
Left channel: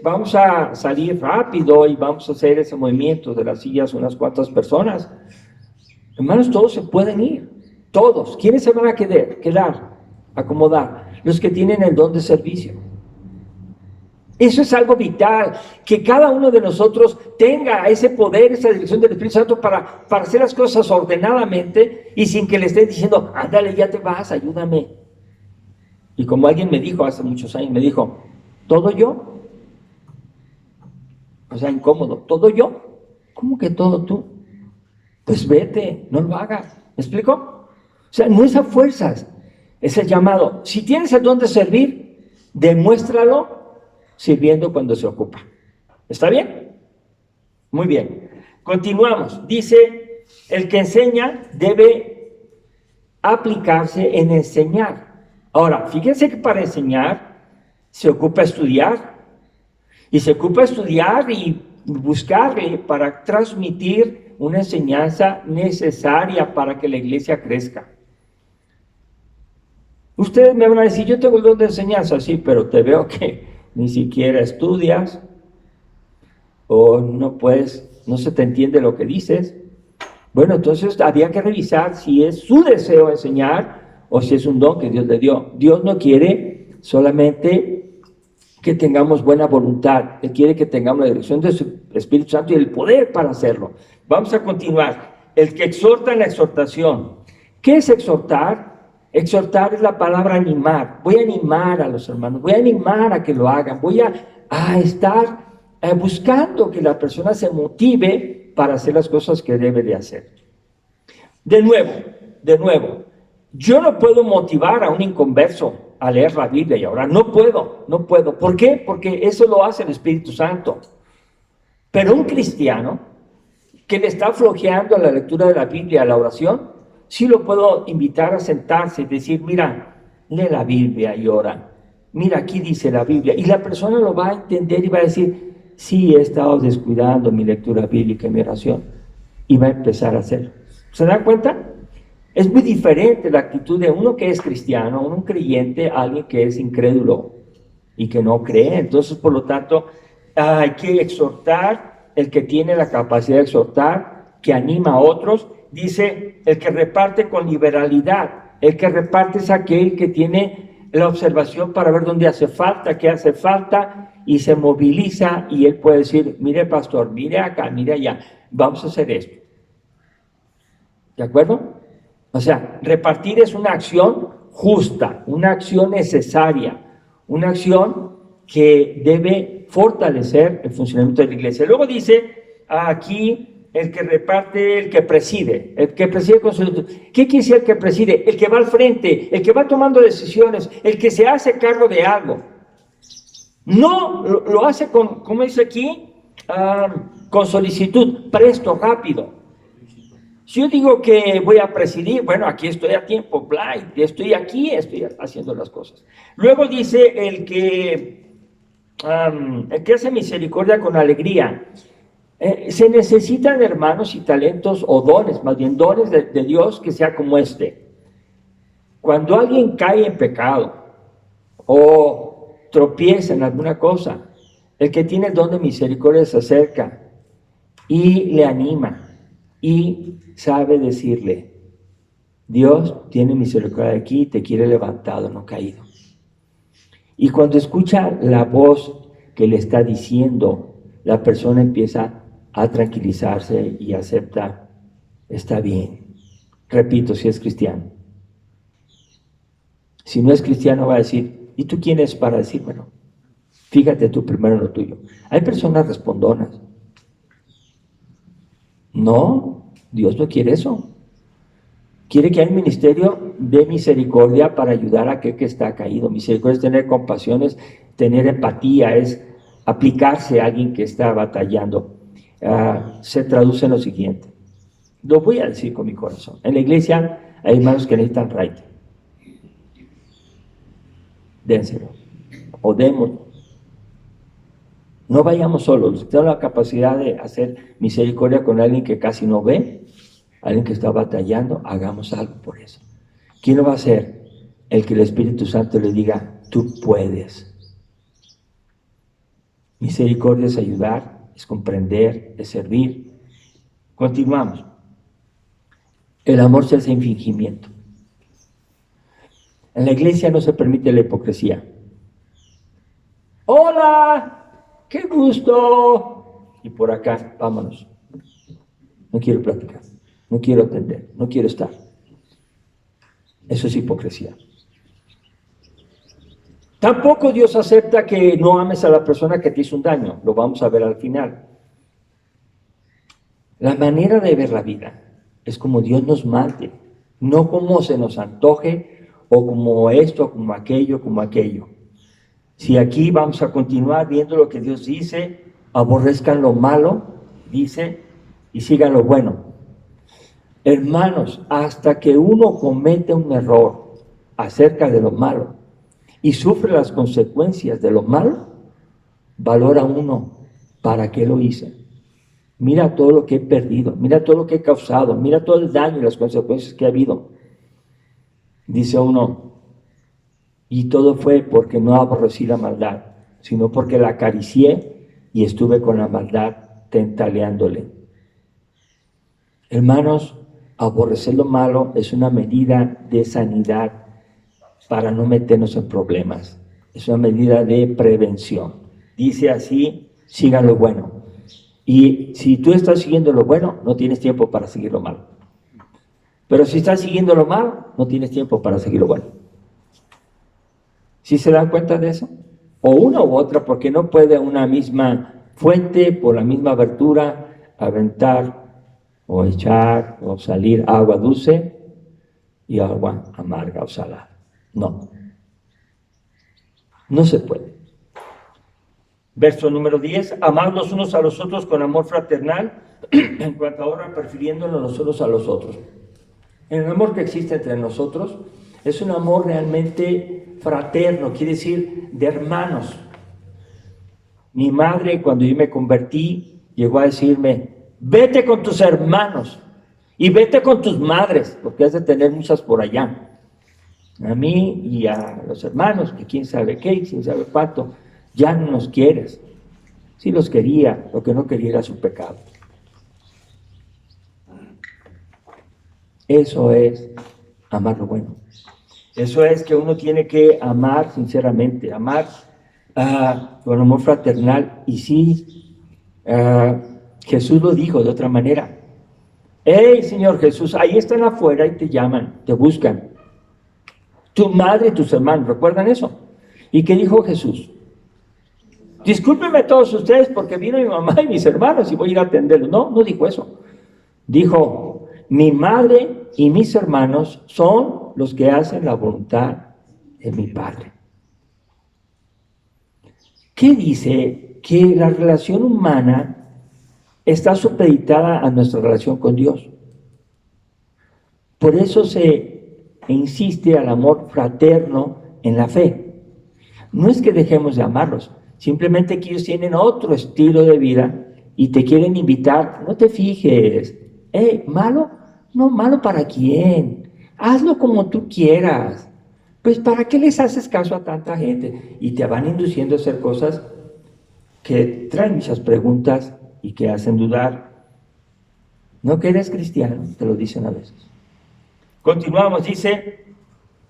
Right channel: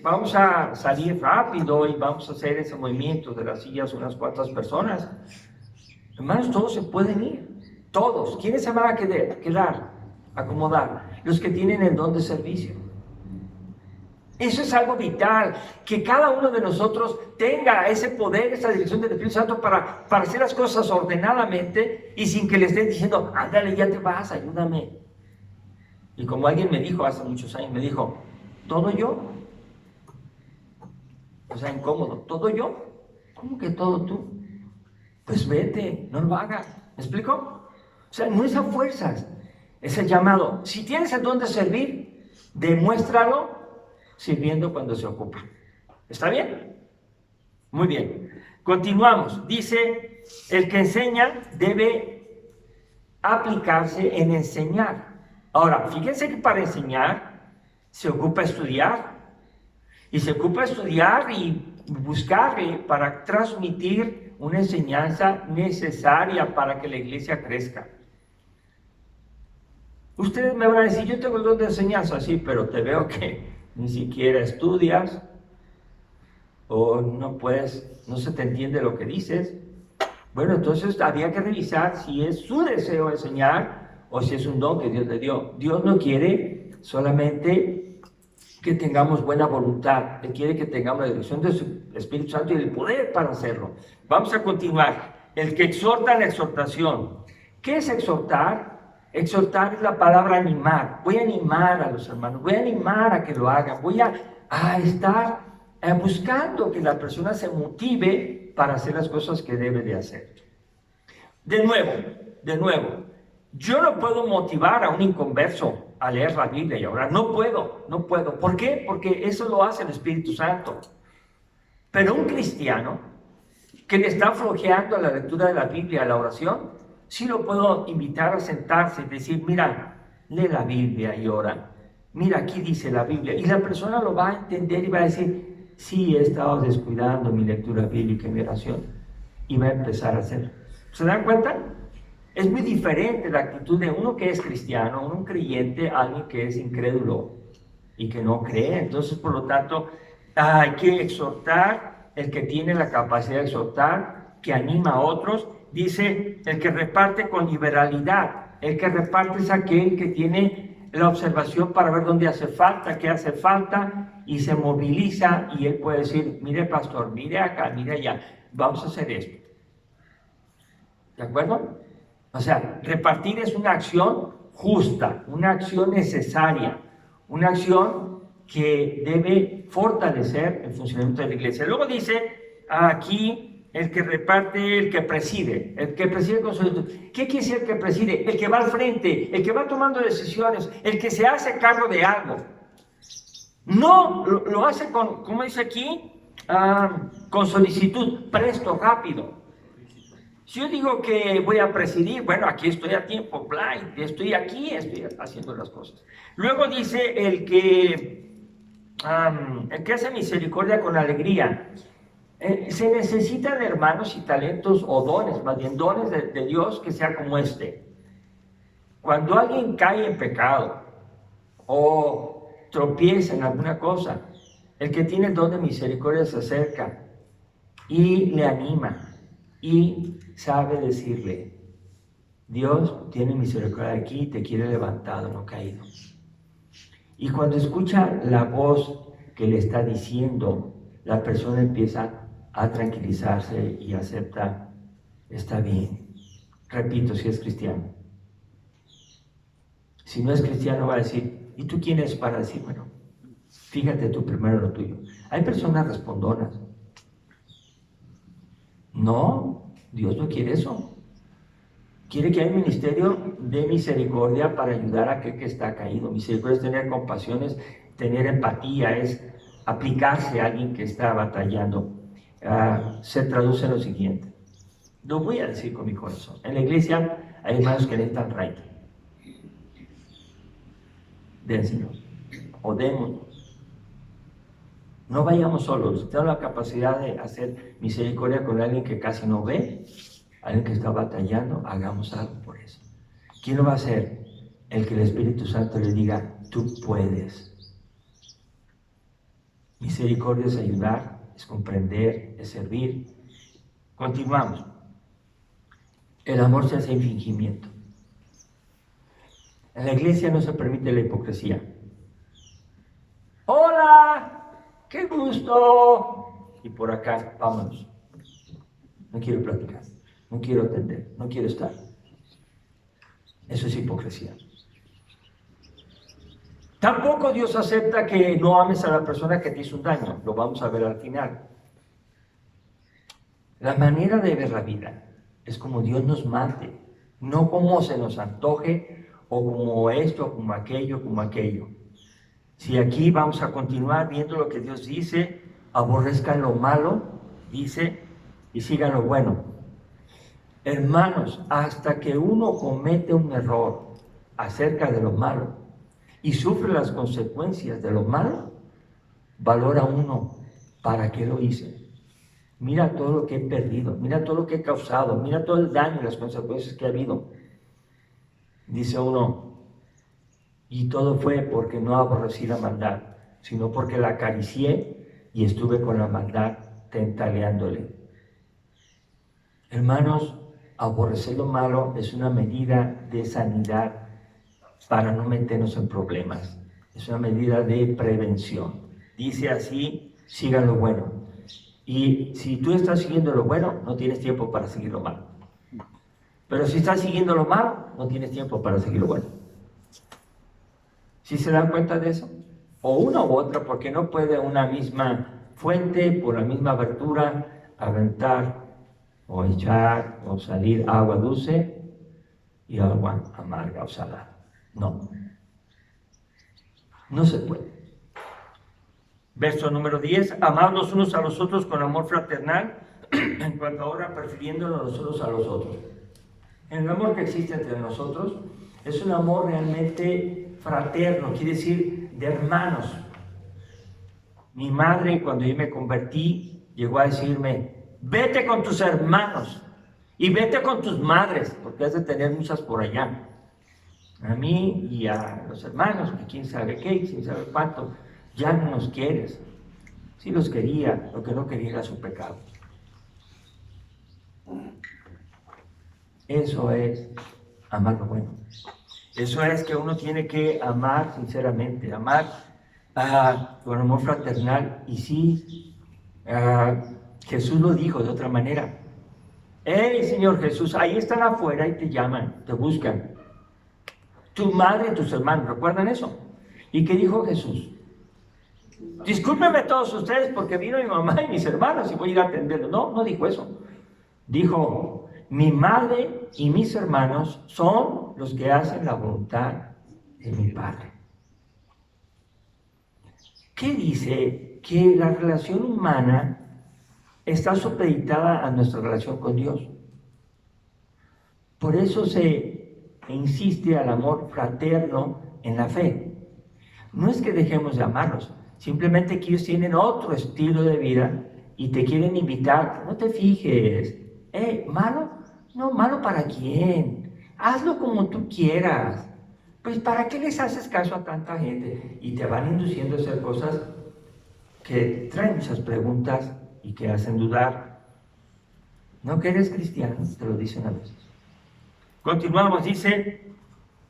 vamos a salir rápido y vamos a hacer ese movimiento de las sillas unas cuantas personas, hermanos, todos se pueden ir, todos. ¿Quiénes se van a quedar? Acomodar. Los que tienen el don de servicio. Eso es algo vital, que cada uno de nosotros tenga ese poder, esa dirección del Espíritu Santo para hacer las cosas ordenadamente y sin que le estén diciendo, ándale, ya te vas, ayúdame. Y como alguien me dijo hace muchos años, me dijo, ¿todo yo? O sea, incómodo, ¿todo yo? ¿Cómo que todo tú? Pues vete, no lo hagas. ¿Me explico? O sea, no es a fuerzas, es el llamado. Si tienes el don de servir, demuéstralo sirviendo cuando se ocupa. ¿Está bien? Muy bien. Continuamos. Dice, el que enseña debe aplicarse en enseñar. Ahora, fíjense que para enseñar se ocupa estudiar. Y se ocupa estudiar y buscar para transmitir una enseñanza necesaria para que la iglesia crezca. Ustedes me van a decir, yo tengo el don de enseñanza, sí, pero te veo que ni siquiera estudias o no puedes, no se te entiende lo que dices. Bueno, entonces había que revisar si es su deseo enseñar o si es un don que Dios le dio. Dios no quiere solamente que tengamos buena voluntad, Él quiere que tengamos la dirección de su Espíritu Santo y el poder para hacerlo. Vamos a continuar. El que exhorta en la exhortación. ¿Qué es exhortar? Exhortar es la palabra animar. Voy a animar a los hermanos, voy a animar a que lo hagan, voy a estar buscando que la persona se motive para hacer las cosas que debe de hacer. De nuevo, yo no puedo motivar a un inconverso a leer la Biblia y a orar. No puedo. ¿Por qué? Porque eso lo hace el Espíritu Santo. Pero un cristiano que le está flojeando a la lectura de la Biblia, a la oración, sí lo puedo invitar a sentarse y decir, mira, lee la Biblia y ora. Mira, aquí dice la Biblia. Y la persona lo va a entender y va a decir, sí, he estado descuidando mi lectura bíblica y mi oración. Y va a empezar a hacerlo. ¿Se dan cuenta? Es muy diferente la actitud de uno que es cristiano, un creyente, a alguien que es incrédulo y que no cree. Entonces, por lo tanto, hay que exhortar, el que tiene la capacidad de exhortar, que anima a otros. Dice, el que reparte con liberalidad. El que reparte es aquel que tiene la observación para ver dónde hace falta, qué hace falta, y se moviliza, y él puede decir, mire pastor, mire acá, mire allá, vamos a hacer esto. ¿De acuerdo? O sea, repartir es una acción justa, una acción necesaria, una acción que debe fortalecer el funcionamiento de la iglesia. Luego dice aquí el que reparte, el que preside con su... ¿Qué quiere decir el que preside? El que va al frente, el que va tomando decisiones, el que se hace cargo de algo. No lo hace con, ¿cómo dice aquí? Con solicitud, presto, rápido. Si yo digo que voy a presidir, bueno, aquí estoy a tiempo, estoy aquí, estoy haciendo las cosas. Luego dice el que hace misericordia con alegría. Se necesitan hermanos y talentos o dones, más bien dones de Dios que sea como este. Cuando alguien cae en pecado o tropieza en alguna cosa, el que tiene el don de misericordia se acerca y le anima y sabe decirle, Dios tiene misericordia de aquí, te quiere levantado, no caído. Y cuando escucha la voz que le está diciendo, la persona empieza a tranquilizarse y acepta, está bien. Repito, si es cristiano. Si no es cristiano va a decir, ¿y tú quién eres para decírmelo? Fíjate tú primero en lo tuyo. Hay personas respondonas. No, Dios no quiere eso. Quiere que haya un ministerio de misericordia para ayudar a aquel que está caído. Misericordia es tener compasión, es tener empatía, es aplicarse a alguien que está batallando. Se traduce en lo siguiente. Lo voy a decir con mi corazón. En la iglesia hay hermanos que necesitan raite. Dénselo. O démoslo. No vayamos solos. Tenemos la capacidad de hacer misericordia con alguien que casi no ve, alguien que está batallando, hagamos algo por eso. ¿Quién lo va a hacer? El que el Espíritu Santo le diga, tú puedes. Misericordia es ayudar, es comprender, es servir. Continuamos. El amor se hace sin fingimiento. En la iglesia no se permite la hipocresía. ¡Hola! ¡Qué gusto! Y por acá, vámonos. No quiero platicar, no quiero atender, no quiero estar. Eso es hipocresía. Tampoco Dios acepta que no ames a la persona que te hizo un daño. Lo vamos a ver al final. La manera de ver la vida es como Dios nos mande, no como se nos antoje o como esto, como aquello, como aquello. Si aquí vamos a continuar viendo lo que Dios dice, aborrezcan lo malo, dice, y sigan lo bueno. Hermanos, hasta que uno comete un error acerca de lo malo y sufre las consecuencias de lo malo, valora uno, ¿para qué lo hice? Mira todo lo que he perdido, mira todo lo que he causado, mira todo el daño y las consecuencias que ha habido. Dice uno, y todo fue porque no aborrecí la maldad, sino porque la acaricié y estuve con la maldad tentaleándole. Hermanos, aborrecer lo malo es una medida de sanidad para no meternos en problemas. Es una medida de prevención. Dice así, sigan lo bueno. Y si tú estás siguiendo lo bueno, no tienes tiempo para seguir lo malo. Pero si estás siguiendo lo malo, no tienes tiempo para seguir lo bueno. ¿Sí se dan cuenta de eso? O una u otra, porque no puede una misma fuente, por la misma abertura, aventar o echar o salir agua dulce y agua amarga o salada. No. No se puede. Verso número 10, amad los unos a los otros con amor fraternal, en cuanto ahora prefiriéndonos los unos a los otros. El amor que existe entre nosotros es un amor realmente fraterno, quiere decir de hermanos. Mi madre, cuando yo me convertí, llegó a decirme, vete con tus hermanos y vete con tus madres, porque has de tener muchas por allá. A mí y a los hermanos, que quién sabe qué, quién sabe cuánto, ya no nos quieres. Sí los quería, lo que no quería era su pecado. Eso es amar lo bueno. Eso es que uno tiene que amar sinceramente, amar con amor fraternal. Y sí, Jesús lo dijo de otra manera. Hey, Señor Jesús, ahí están afuera y te llaman, te buscan. Tu madre y tus hermanos, ¿recuerdan eso? ¿Y qué dijo Jesús? Discúlpenme todos ustedes porque vino mi mamá y mis hermanos y voy a ir a atenderlos. No, no dijo eso. Dijo, mi madre y mis hermanos son los que hacen la voluntad de mi Padre. ¿Qué dice? Que la relación humana está supeditada a nuestra relación con Dios. Por eso se insiste al amor fraterno en la fe. No es que dejemos de amarlos, simplemente que ellos tienen otro estilo de vida y te quieren invitar. No te fijes, ¿malo? No, ¿malo para quién? Hazlo como tú quieras. Pues ¿para qué les haces caso a tanta gente? Y te van induciendo a hacer cosas que traen muchas preguntas y que hacen dudar. No que eres cristiano, te lo dicen a veces. Continuamos, dice,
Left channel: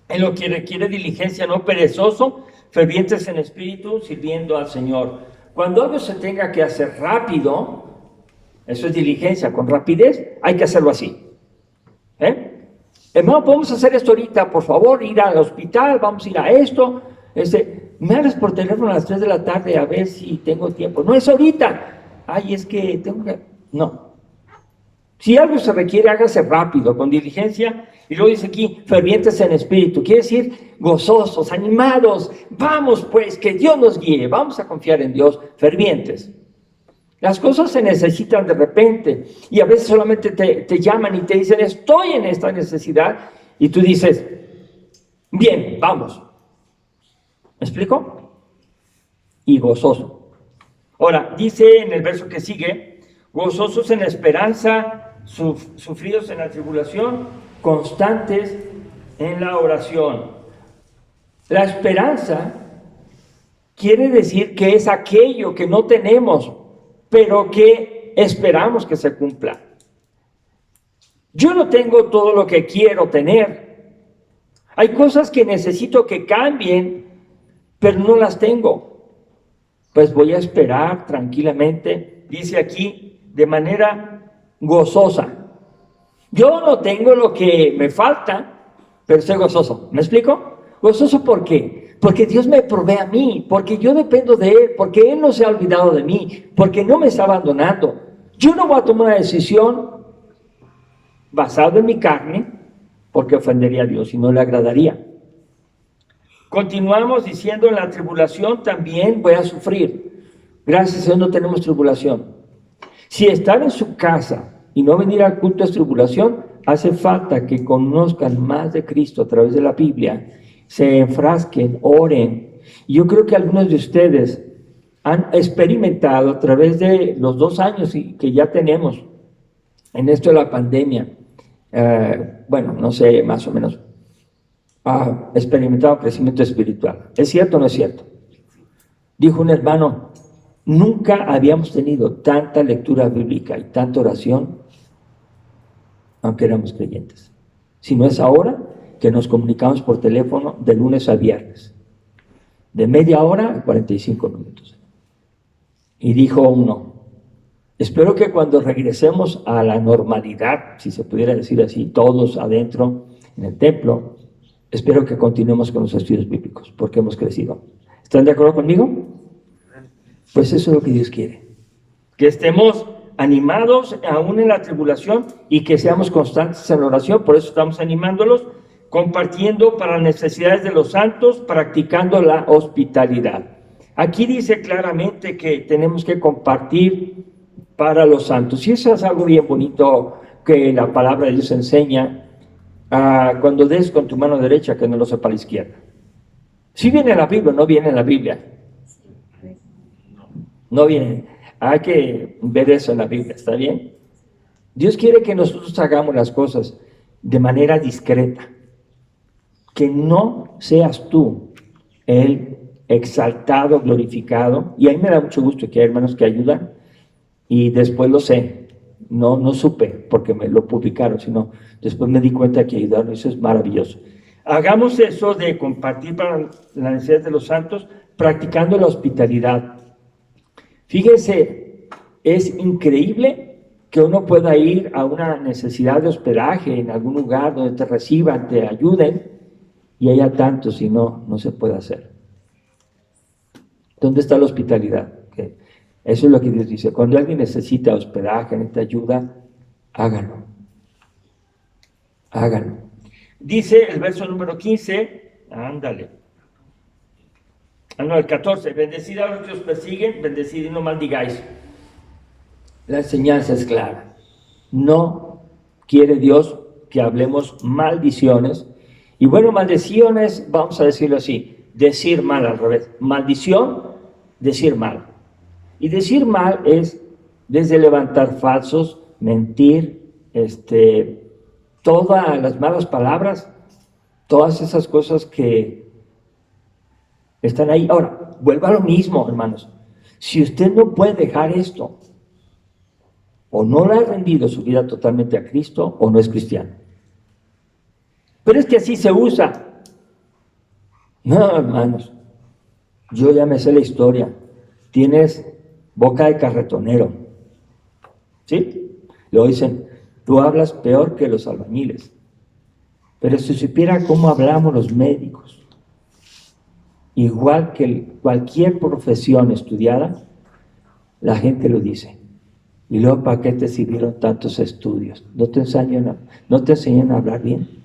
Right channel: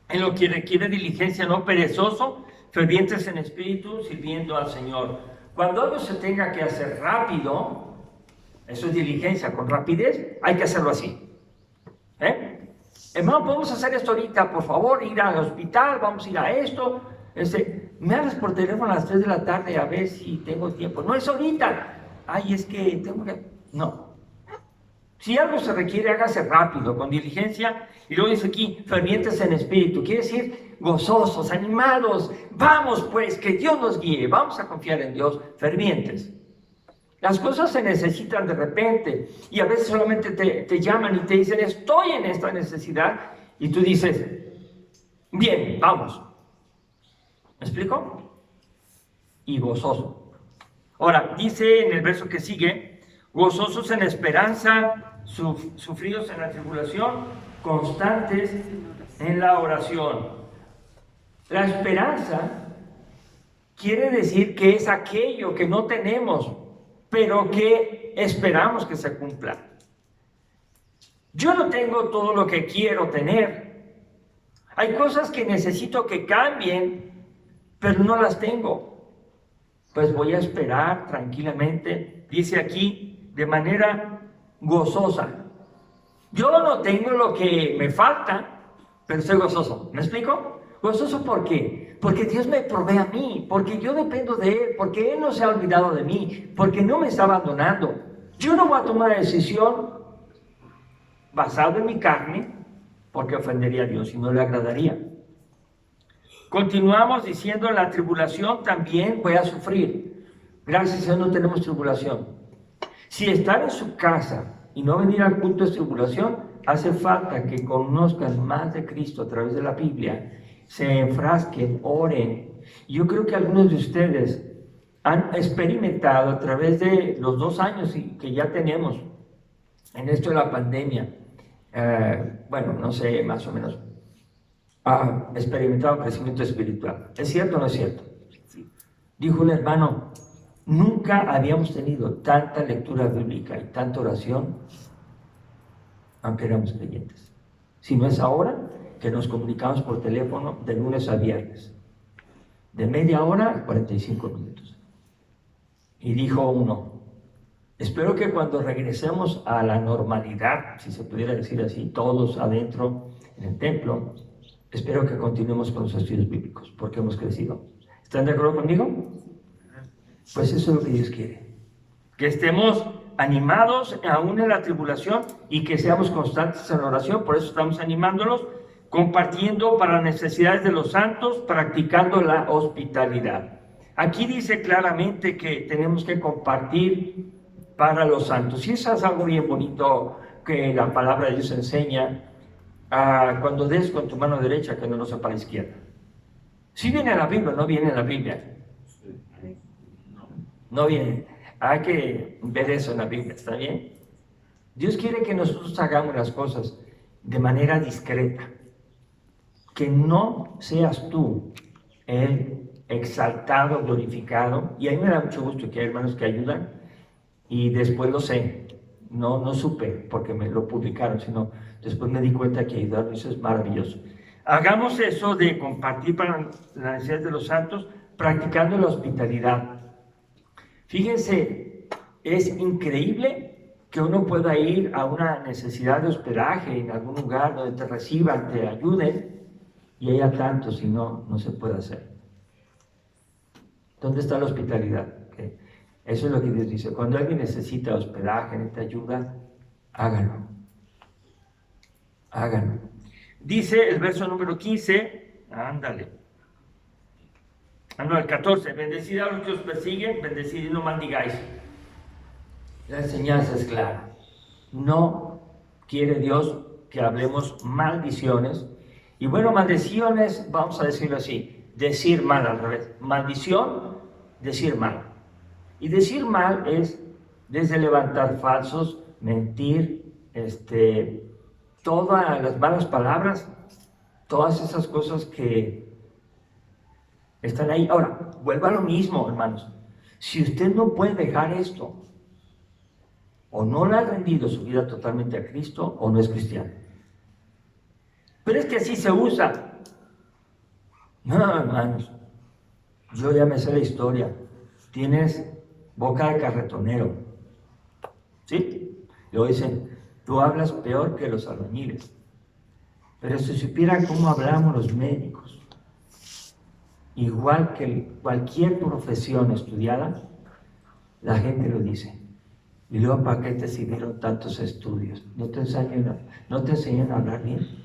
en lo que requiere diligencia, no perezoso, fervientes en espíritu, sirviendo al Señor. Cuando algo se tenga que hacer rápido, eso es diligencia, con rapidez, hay que hacerlo así. Hermano, podemos hacer esto ahorita, por favor, ir al hospital, vamos a ir a esto. Me hablas por teléfono a las 3 de la tarde a ver si tengo tiempo. No es ahorita. Ay, es que tengo que... No. Si algo se requiere, hágase rápido, con diligencia. Y luego dice aquí, fervientes en espíritu. Quiere decir gozosos, animados. Vamos pues, que Dios nos guíe. Vamos a confiar en Dios, fervientes. Las cosas se necesitan de repente. Y a veces solamente te llaman y te dicen, estoy en esta necesidad. Y tú dices, bien, vamos. ¿Me explico? Y gozoso. Ahora, dice en el verso que sigue, gozosos en la esperanza, sufridos en la tribulación, constantes en la oración. La esperanza quiere decir que es aquello que no tenemos, pero que esperamos que se cumpla. Yo no tengo todo lo que quiero tener. Hay cosas que necesito que cambien, pero no las tengo. Pues voy a esperar tranquilamente, dice aquí, de manera gozosa. Yo no tengo lo que me falta, pero estoy gozoso. ¿Me explico? ¿Gozoso por qué? porque Dios me provee a mí, porque yo dependo de Él, porque Él no se ha olvidado de mí, porque no me está abandonando. Yo no voy a tomar una decisión basada en mi carne, porque ofendería a Dios y no le agradaría. Continuamos diciendo, en la tribulación también voy a sufrir. Gracias a Dios no tenemos tribulación. Si estar en su casa y no venir al culto es tribulación, hace falta que conozcan más de Cristo a través de la Biblia, se enfrasquen, oren. Yo creo que algunos de ustedes han experimentado a través de los 2 años que ya tenemos en esto de la pandemia, bueno, no sé, más o menos, experimentado crecimiento espiritual. ¿Es cierto o no es cierto? Dijo un hermano, nunca habíamos tenido tanta lectura bíblica y tanta oración, aunque éramos creyentes. Si no es ahora que nos comunicamos por teléfono de lunes a viernes, de media hora a 45 minutos. Y dijo uno, espero que cuando regresemos a la normalidad, si se pudiera decir así, todos adentro en el templo, espero que continuemos con los estudios bíblicos, porque hemos crecido. ¿Están de acuerdo conmigo? Pues eso es lo que Dios quiere. Que estemos animados aún en la tribulación y que seamos constantes en la oración. Por eso estamos animándolos, compartiendo para necesidades de los santos, practicando la hospitalidad. Aquí dice claramente que tenemos que compartir para los santos. Y eso es algo bien bonito que la palabra de Dios enseña. Cuando des con tu mano derecha, que no lo sepa la izquierda. Si viene en la Biblia, no viene en la Biblia. No viene. Hay que ver eso en la Biblia, ¿está bien? Dios quiere que nosotros hagamos las cosas de manera discreta. Que no seas tú el exaltado, glorificado. Y a mí me da mucho gusto que hay hermanos que ayudan. Y después lo sé. No supe porque me lo publicaron, sino después me di cuenta que ayudaron. Eso es maravilloso. Hagamos eso de compartir para las necesidades de los santos, practicando la hospitalidad. Fíjense, es increíble que uno pueda ir a una necesidad de hospedaje en algún lugar donde te reciban, te ayuden, y haya tantos y no se puede hacer. ¿Dónde está la hospitalidad? ¿Okay? Eso es lo que Dios dice. Cuando alguien necesita hospedaje, necesita ayuda, háganlo. Háganlo. Dice el verso número 15, ándale. No, el 14, bendecid a los que os persiguen, bendecid y no maldigáis. La enseñanza es clara. No quiere Dios que hablemos maldiciones. Y bueno, maldiciones, vamos a decirlo así, decir mal al revés. Maldición, decir mal. Y decir mal es desde levantar falsos, mentir, todas las malas palabras, todas esas cosas que están ahí. Ahora, vuelva a lo mismo, hermanos. Si usted no puede dejar esto, o no le ha rendido su vida totalmente a Cristo, o no es cristiano. Pero es que así se usa. No, hermanos, yo ya me sé la historia. Tienes boca de carretonero. ¿Sí? Lo dicen, tú hablas peor que los albañiles. Pero si supieran cómo hablamos los médicos, igual que cualquier profesión estudiada, la gente lo dice. Y luego, ¿para qué te sirvieron tantos estudios? ¿No te enseñan a hablar bien?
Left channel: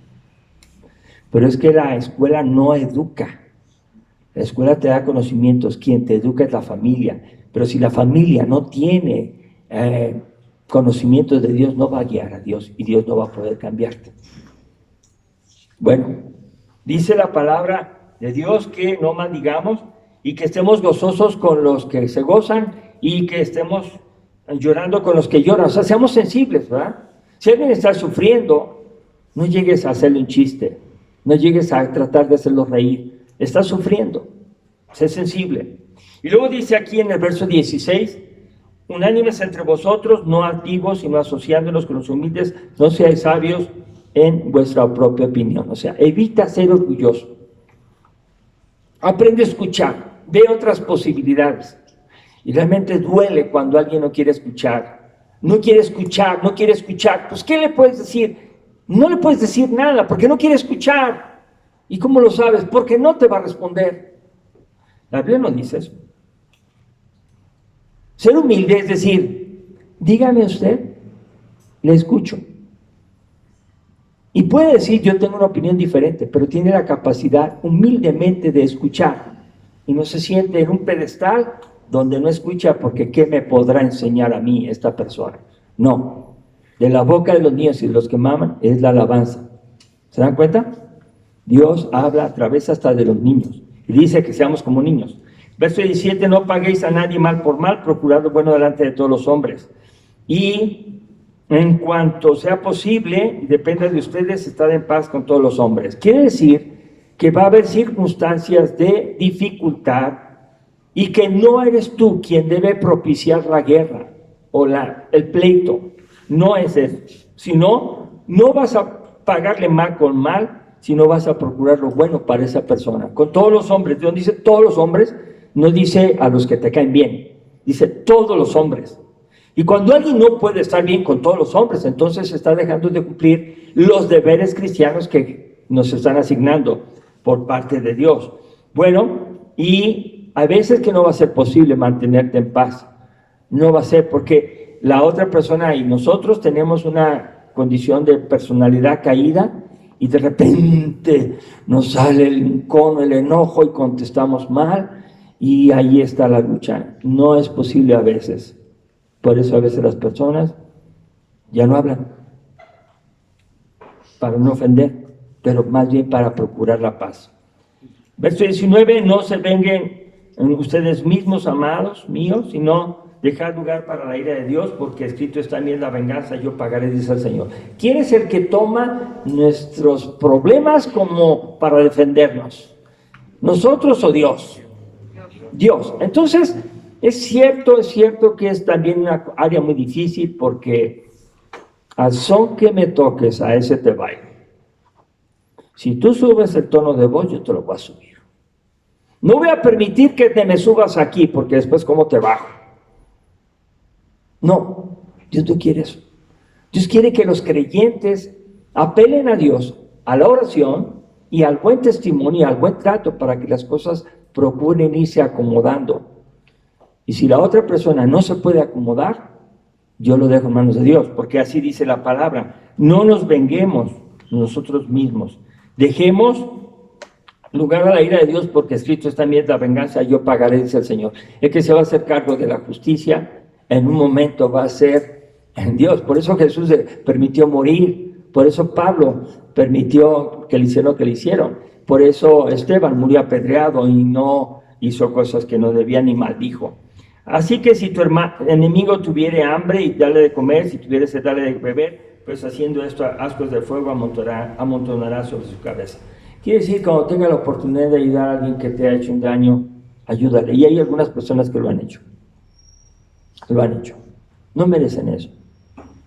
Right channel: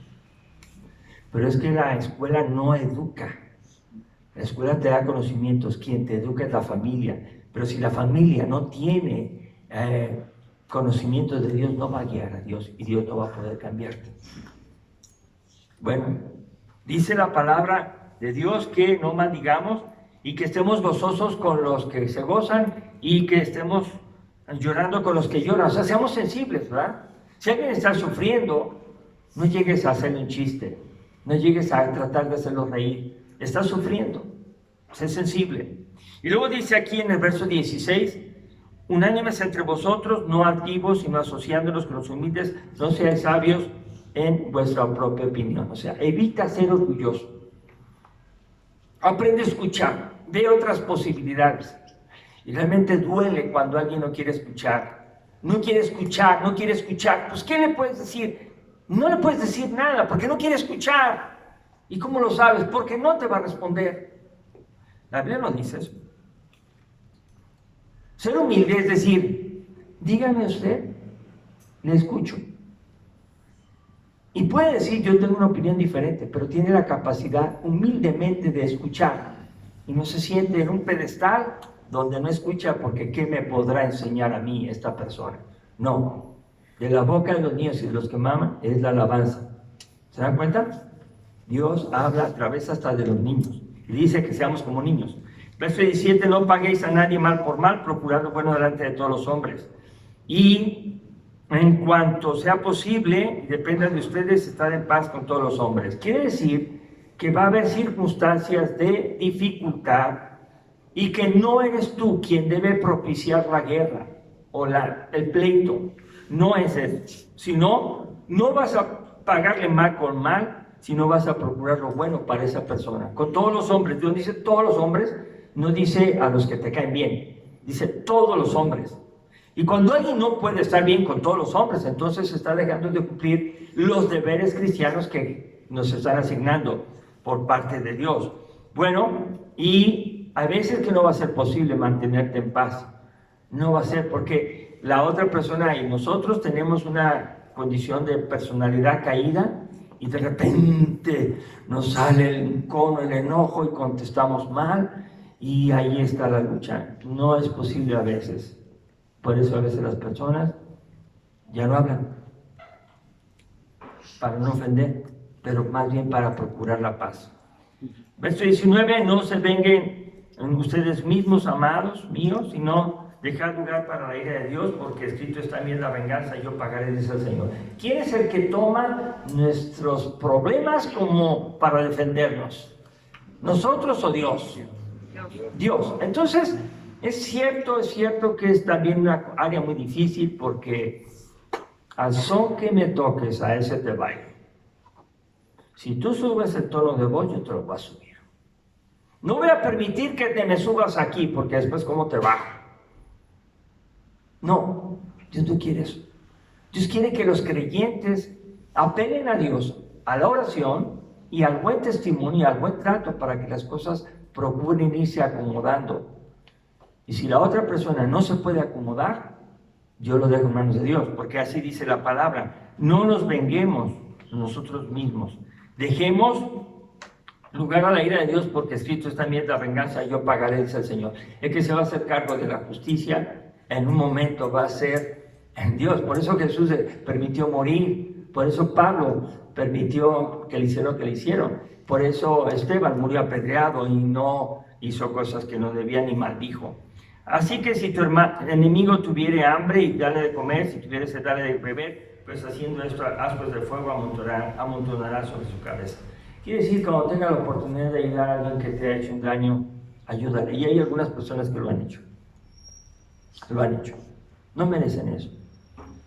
Pero es que la escuela no educa. La escuela te da conocimientos. Quien te educa es la familia. Pero si la familia no tiene conocimientos de Dios, no va a guiar a Dios y Dios no va a poder cambiarte. Bueno, dice la palabra de Dios que no maldigamos y que estemos gozosos con los que se gozan y que estemos llorando con los que lloran. O sea, seamos sensibles, ¿verdad? Si alguien está sufriendo, no llegues a hacerle un chiste, no llegues a tratar de hacerlo reír. Está sufriendo, sé sensible. Y luego dice aquí en el verso 16, unánimes entre vosotros, no altivos, sino asociándonos con los humildes, no seáis sabios en vuestra propia opinión. O sea, evita ser orgulloso. Aprende a escuchar, ve otras posibilidades. Y realmente duele cuando alguien no quiere escuchar. No quiere escuchar, no quiere escuchar. Pues, ¿qué le puedes decir? No le puedes decir nada porque no quiere escuchar. ¿Y cómo lo sabes? Porque no te va a responder. La Biblia no dice eso. Ser humilde es decir, dígame usted, le escucho. Y puede decir, yo tengo una opinión diferente, pero tiene la capacidad humildemente de escuchar. Y no se siente en un pedestal donde no escucha porque ¿qué me podrá enseñar a mí esta persona? No. De la boca de los niños y de los que maman es la alabanza. ¿Se dan cuenta? Dios habla a través hasta de los niños. Y dice que seamos como niños. Verso 17, no paguéis a nadie mal por mal, procurad lo bueno delante de todos los hombres. Y en cuanto sea posible, y dependa de ustedes, estar en paz con todos los hombres. Quiere decir que va a haber circunstancias de dificultad y que no eres tú quien debe propiciar la guerra o el pleito. No es eso. Sino, no vas a pagarle mal con mal, sino vas a procurar lo bueno para esa persona. Con todos los hombres. Dios dice todos los hombres, no dice a los que te caen bien. Dice todos los hombres. Y cuando alguien no puede estar bien con todos los hombres, entonces está dejando de cumplir los deberes cristianos que nos están asignando por parte de Dios. Bueno, y a veces que no va a ser posible mantenerte en paz. No va a ser porque la otra persona y nosotros tenemos una condición de personalidad caída y de repente nos sale el encono, el enojo y contestamos mal y ahí está la lucha. No es posible a veces. Por eso a veces las personas ya no hablan, para no ofender, pero más bien para procurar la paz. Verso 19, no se venguen ustedes mismos, amados míos, sino dejad lugar para la ira de Dios, porque escrito está bien la venganza, yo pagaré, dice el Señor. ¿Quién es el que toma nuestros problemas como para defendernos? ¿Nosotros o Dios? Dios. Entonces, es cierto que es también una área muy difícil porque al son que me toques, a ese te bailo. Si tú subes el tono de voz, yo te lo voy a subir. No voy a permitir que te me subas aquí porque después cómo te bajo. No, Dios no quiere eso. Dios quiere que los creyentes apelen a Dios, a la oración y al buen testimonio, al buen trato para que las cosas procuren irse acomodando. Y si la otra persona no se puede acomodar, yo lo dejo en manos de Dios, porque así dice la palabra. No nos venguemos nosotros mismos. Dejemos lugar a la ira de Dios, porque escrito está bien la venganza, yo pagaré, dice el Señor. El que se va a hacer cargo de la justicia, en un momento va a ser Dios. Por eso Jesús permitió morir. Por eso Pablo permitió que le hicieron lo que le hicieron. Por eso Esteban murió apedreado y no hizo cosas que no debía ni maldijo. Así que si tu enemigo tuviere hambre, y dale de comer, si tuviere sed, dale de beber, pues haciendo esto, ascuas de fuego amontonará sobre su cabeza. Quiere decir, cuando tenga la oportunidad de ayudar a alguien que te ha hecho un daño, ayúdale. Y hay algunas personas que lo han hecho. Lo han hecho. No merecen eso,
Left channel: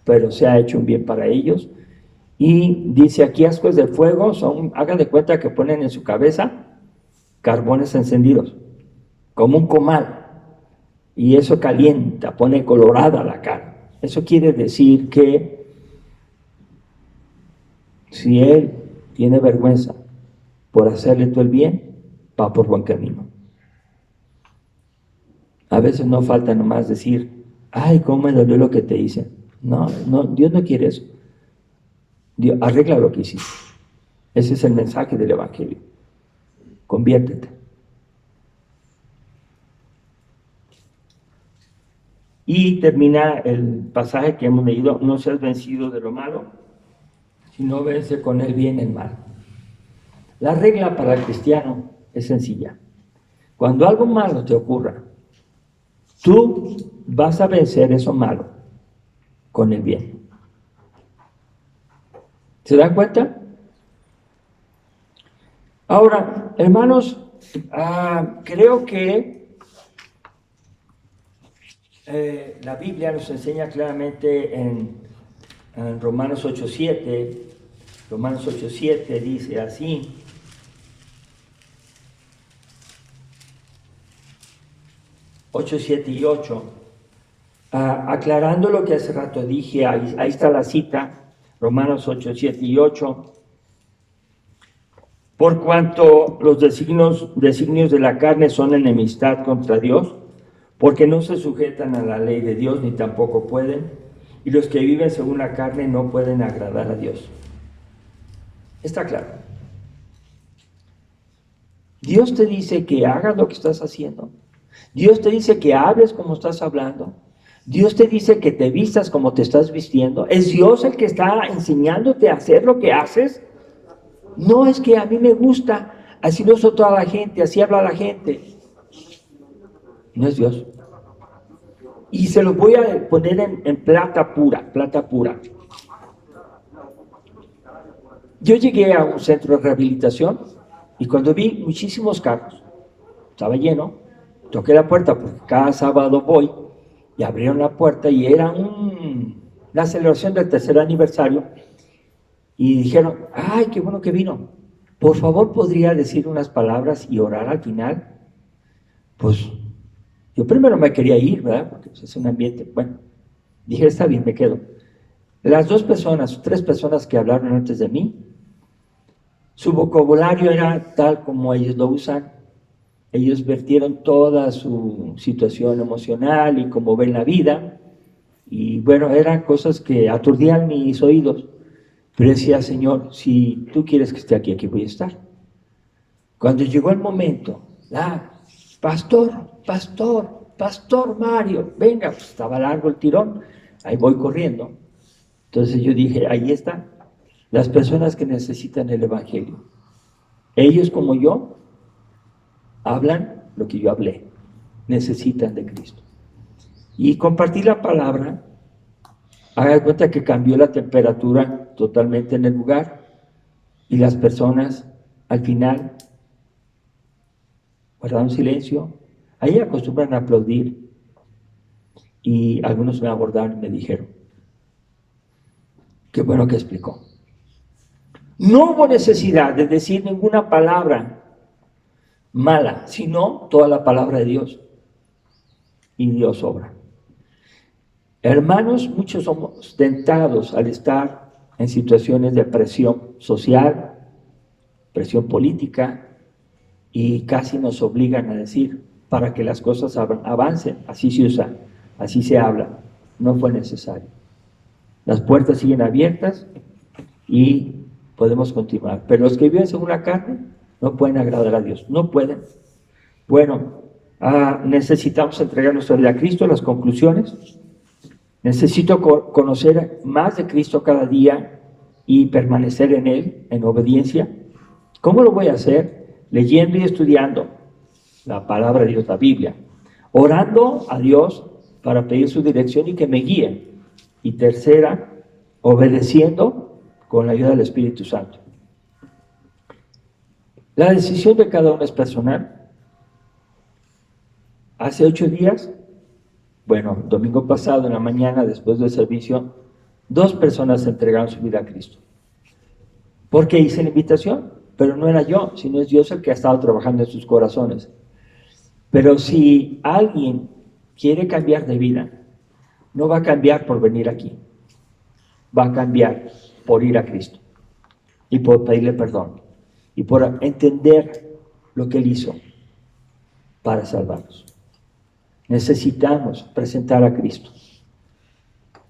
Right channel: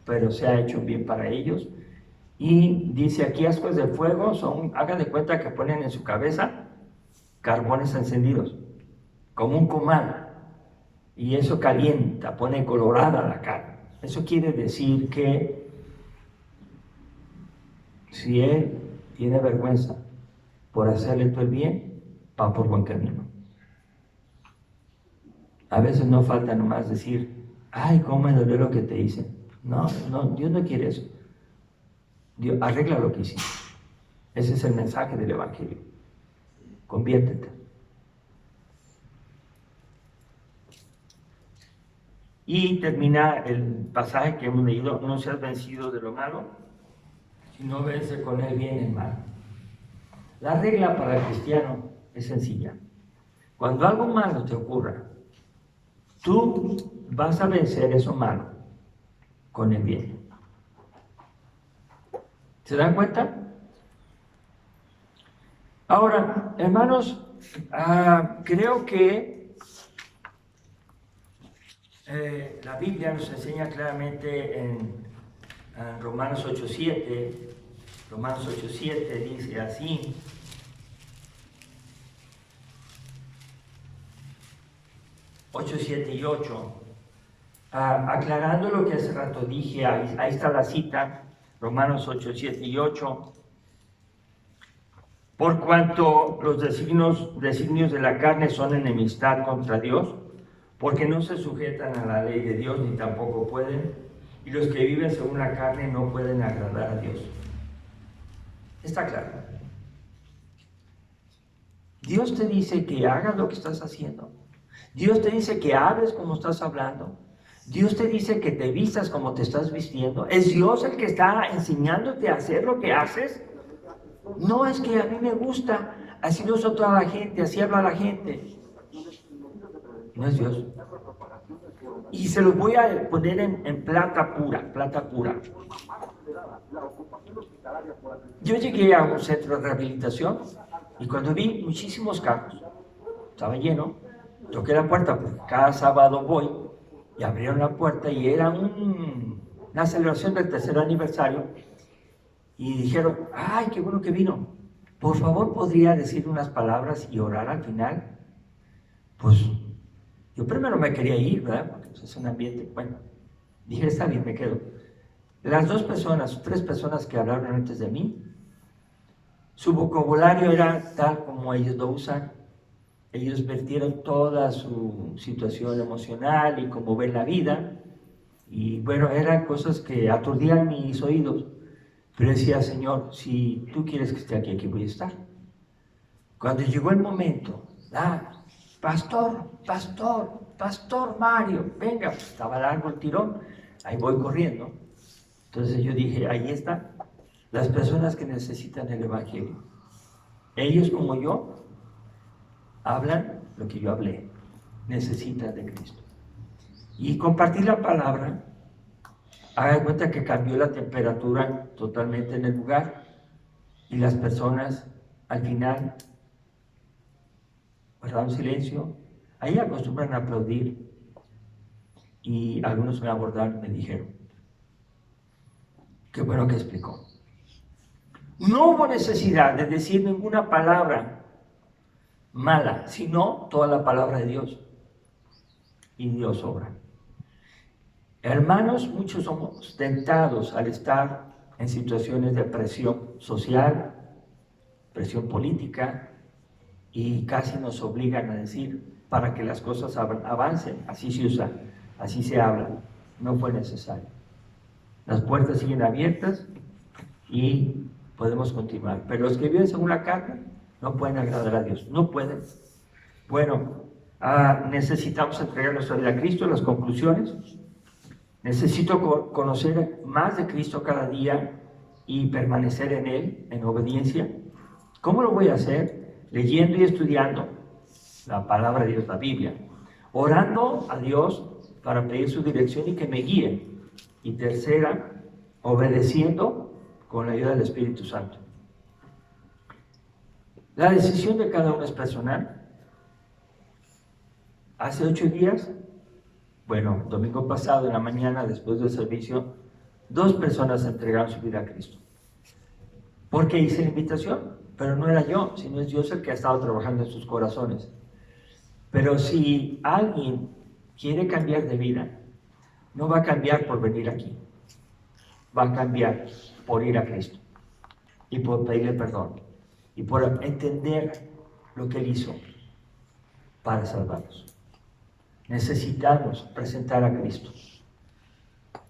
pero se ha hecho un bien para ellos. Y dice aquí, ascuas de fuego, hagan de cuenta que ponen en su cabeza carbones encendidos, como un comal. Y eso calienta, pone colorada la carne. Eso quiere decir que si él tiene vergüenza por hacerle todo el bien, va por buen camino. A veces no falta nomás decir, ay, cómo me dolió lo que te hice. No, Dios no quiere eso. Dios, arregla lo que hiciste. Ese es el mensaje del Evangelio. Conviértete. Y termina el pasaje que hemos leído, no seas vencido de lo malo, sino vence con el bien el mal. La regla para el cristiano es sencilla. Cuando algo malo te ocurra, tú vas a vencer eso malo con el bien. ¿Se dan cuenta? Ahora, hermanos, creo que la Biblia nos enseña claramente en Romanos 8:7. Romanos 8:7 dice así: 8, 7 y 8, aclarando lo que hace rato dije, ahí está la cita, Romanos 8, 7 y 8. Por cuanto los designios de la carne son enemistad contra Dios, porque no se sujetan a la ley de Dios ni tampoco pueden, y los que viven según la carne no pueden agradar a Dios. Está claro. Dios te dice que hagas lo que estás haciendo. Dios te dice que hables como estás hablando. Dios te dice que te vistas como te estás vistiendo. ¿Es Dios el que está enseñándote a hacer lo que haces? No es que a mí me gusta, así no soy toda la gente, así habla la gente. No es Dios. Y se los voy a poner en plata pura, plata pura. Yo llegué a un centro de rehabilitación y cuando vi muchísimos carros, estaba lleno, toqué la puerta porque cada sábado voy y abrieron la puerta y era una celebración del 3er aniversario y dijeron, ay, qué bueno que vino, por favor podría decir unas palabras y orar al final. Pues yo primero me quería ir, ¿verdad? Porque pues, es un ambiente, bueno, dije, está bien, me quedo. Las 3 personas que hablaron antes de mí, su vocabulario era tal como ellos lo usan. Ellos vertieron toda su situación emocional y cómo ven la vida. Y bueno, eran cosas que aturdían mis oídos. Pero decía, Señor, si tú quieres que esté aquí, aquí voy a estar. Cuando llegó el momento, pastor Mario, venga, pues estaba largo el tirón, ahí voy corriendo. Entonces yo dije, ahí está, las personas que necesitan el Evangelio. Ellos como yo, hablan lo que yo hablé, necesitan de Cristo. Y compartí la palabra, haga de cuenta que cambió la temperatura totalmente en el lugar y las personas al final guardaron silencio. Ahí acostumbran a aplaudir y algunos me abordaron y me dijeron, qué bueno que explicó. No hubo necesidad de decir ninguna palabra mala, sino toda la palabra de Dios. Y Dios obra. Hermanos, muchos somos tentados al estar en situaciones de presión social, presión política, y casi nos obligan a decir para que las cosas avancen. Así se usa, así se habla. No fue necesario. Las puertas siguen abiertas y podemos continuar. Pero los que viven según la carne no pueden agradar a Dios, no pueden. Bueno, necesitamos entregar nuestra vida a Cristo. Las conclusiones: necesito conocer más de Cristo cada día y permanecer en Él, en obediencia. ¿Cómo lo voy a hacer? Leyendo y estudiando la palabra de Dios, la Biblia, orando a Dios para pedir su dirección y que me guíe. Y tercera, obedeciendo con la ayuda del Espíritu Santo. La decisión de cada uno es personal. Hace 8 días, bueno, domingo pasado en la mañana, después del servicio, 2 personas entregaron su vida a Cristo. Porque hice la invitación, pero no era yo, sino es Dios el que ha estado trabajando en sus corazones. Pero si alguien quiere cambiar de vida, no va a cambiar por venir aquí, va a cambiar por ir a Cristo y por pedirle perdón y por entender lo que Él hizo para salvarnos. Necesitamos presentar a Cristo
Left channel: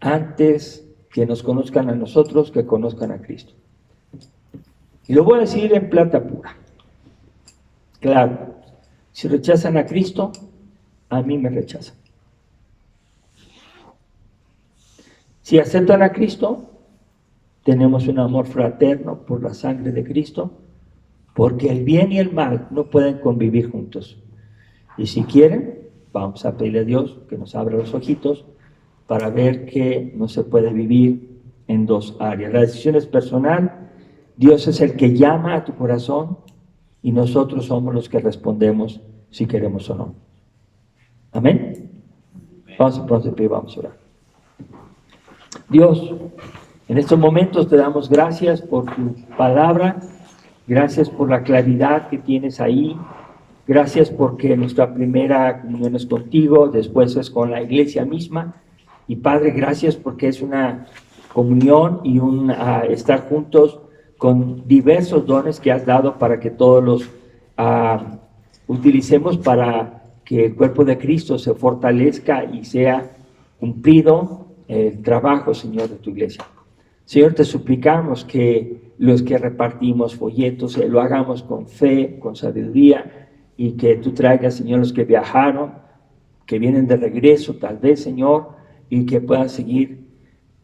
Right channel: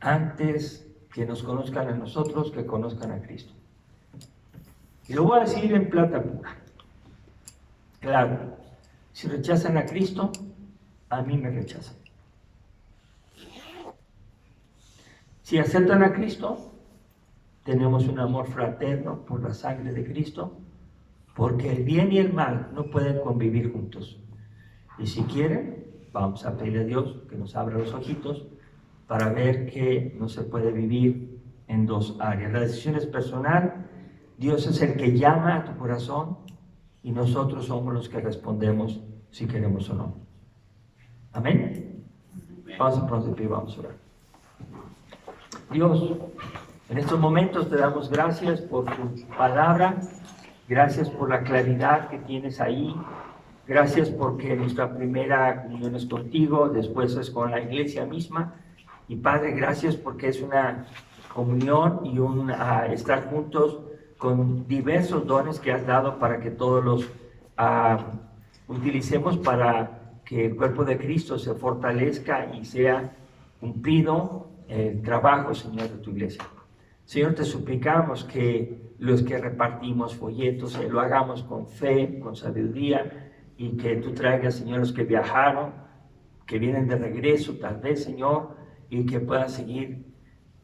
antes que nos conozcan a nosotros, que conozcan a Cristo. Y lo voy a decir en plata pura. Claro, si rechazan a Cristo, a mí me rechazan. Si aceptan a Cristo, tenemos un amor fraterno por la sangre de Cristo, porque el bien y el mal no pueden convivir juntos. Y si quieren, vamos a pedirle a Dios que nos abra los ojitos para ver que no se puede vivir en 2 áreas. La decisión es personal. Dios es el que llama a tu corazón y nosotros somos los que respondemos si queremos o no. Amén. Vamos a ponernos de pie, vamos a orar. Dios, en estos momentos te damos gracias por tu palabra, gracias por la claridad que tienes ahí, gracias porque nuestra primera comunión es contigo, después es con la iglesia misma, y Padre, gracias porque es una comunión y un estar juntos con diversos dones que has dado para que todos los utilicemos para que el cuerpo de Cristo se fortalezca y sea cumplido el trabajo, Señor, de tu iglesia. Señor, te suplicamos que los que repartimos folletos lo hagamos con fe, con sabiduría, y que tú traigas, Señor, los que viajaron, que vienen de regreso, tal vez, Señor, y que puedan seguir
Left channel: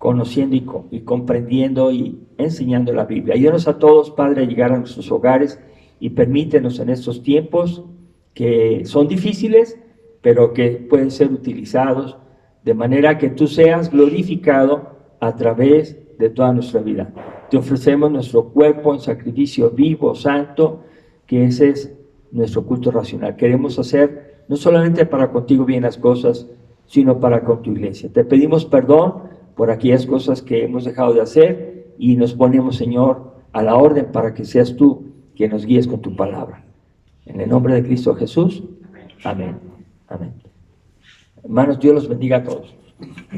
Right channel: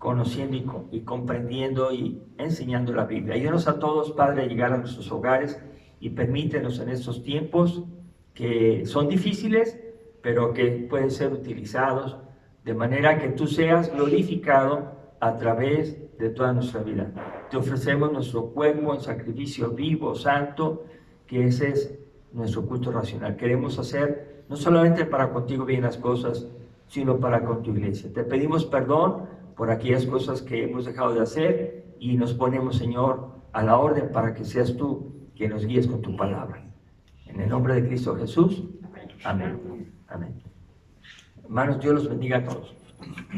conociendo y comprendiendo y enseñando la Biblia. Ayúdanos a todos, Padre, a llegar a nuestros hogares y permítenos en estos tiempos que son difíciles, pero que pueden ser utilizados de manera que tú seas glorificado a través de toda nuestra vida. Te ofrecemos nuestro cuerpo en sacrificio vivo, santo, que ese es nuestro culto racional. Queremos hacer no solamente para contigo bien las cosas, sino para con tu iglesia. Te pedimos perdón por aquellas cosas que hemos dejado de hacer y nos ponemos, Señor, a la orden para que seas tú quien nos guíes con tu palabra. En el nombre de Cristo Jesús. Amén. Amén. Hermanos, Dios los bendiga a todos.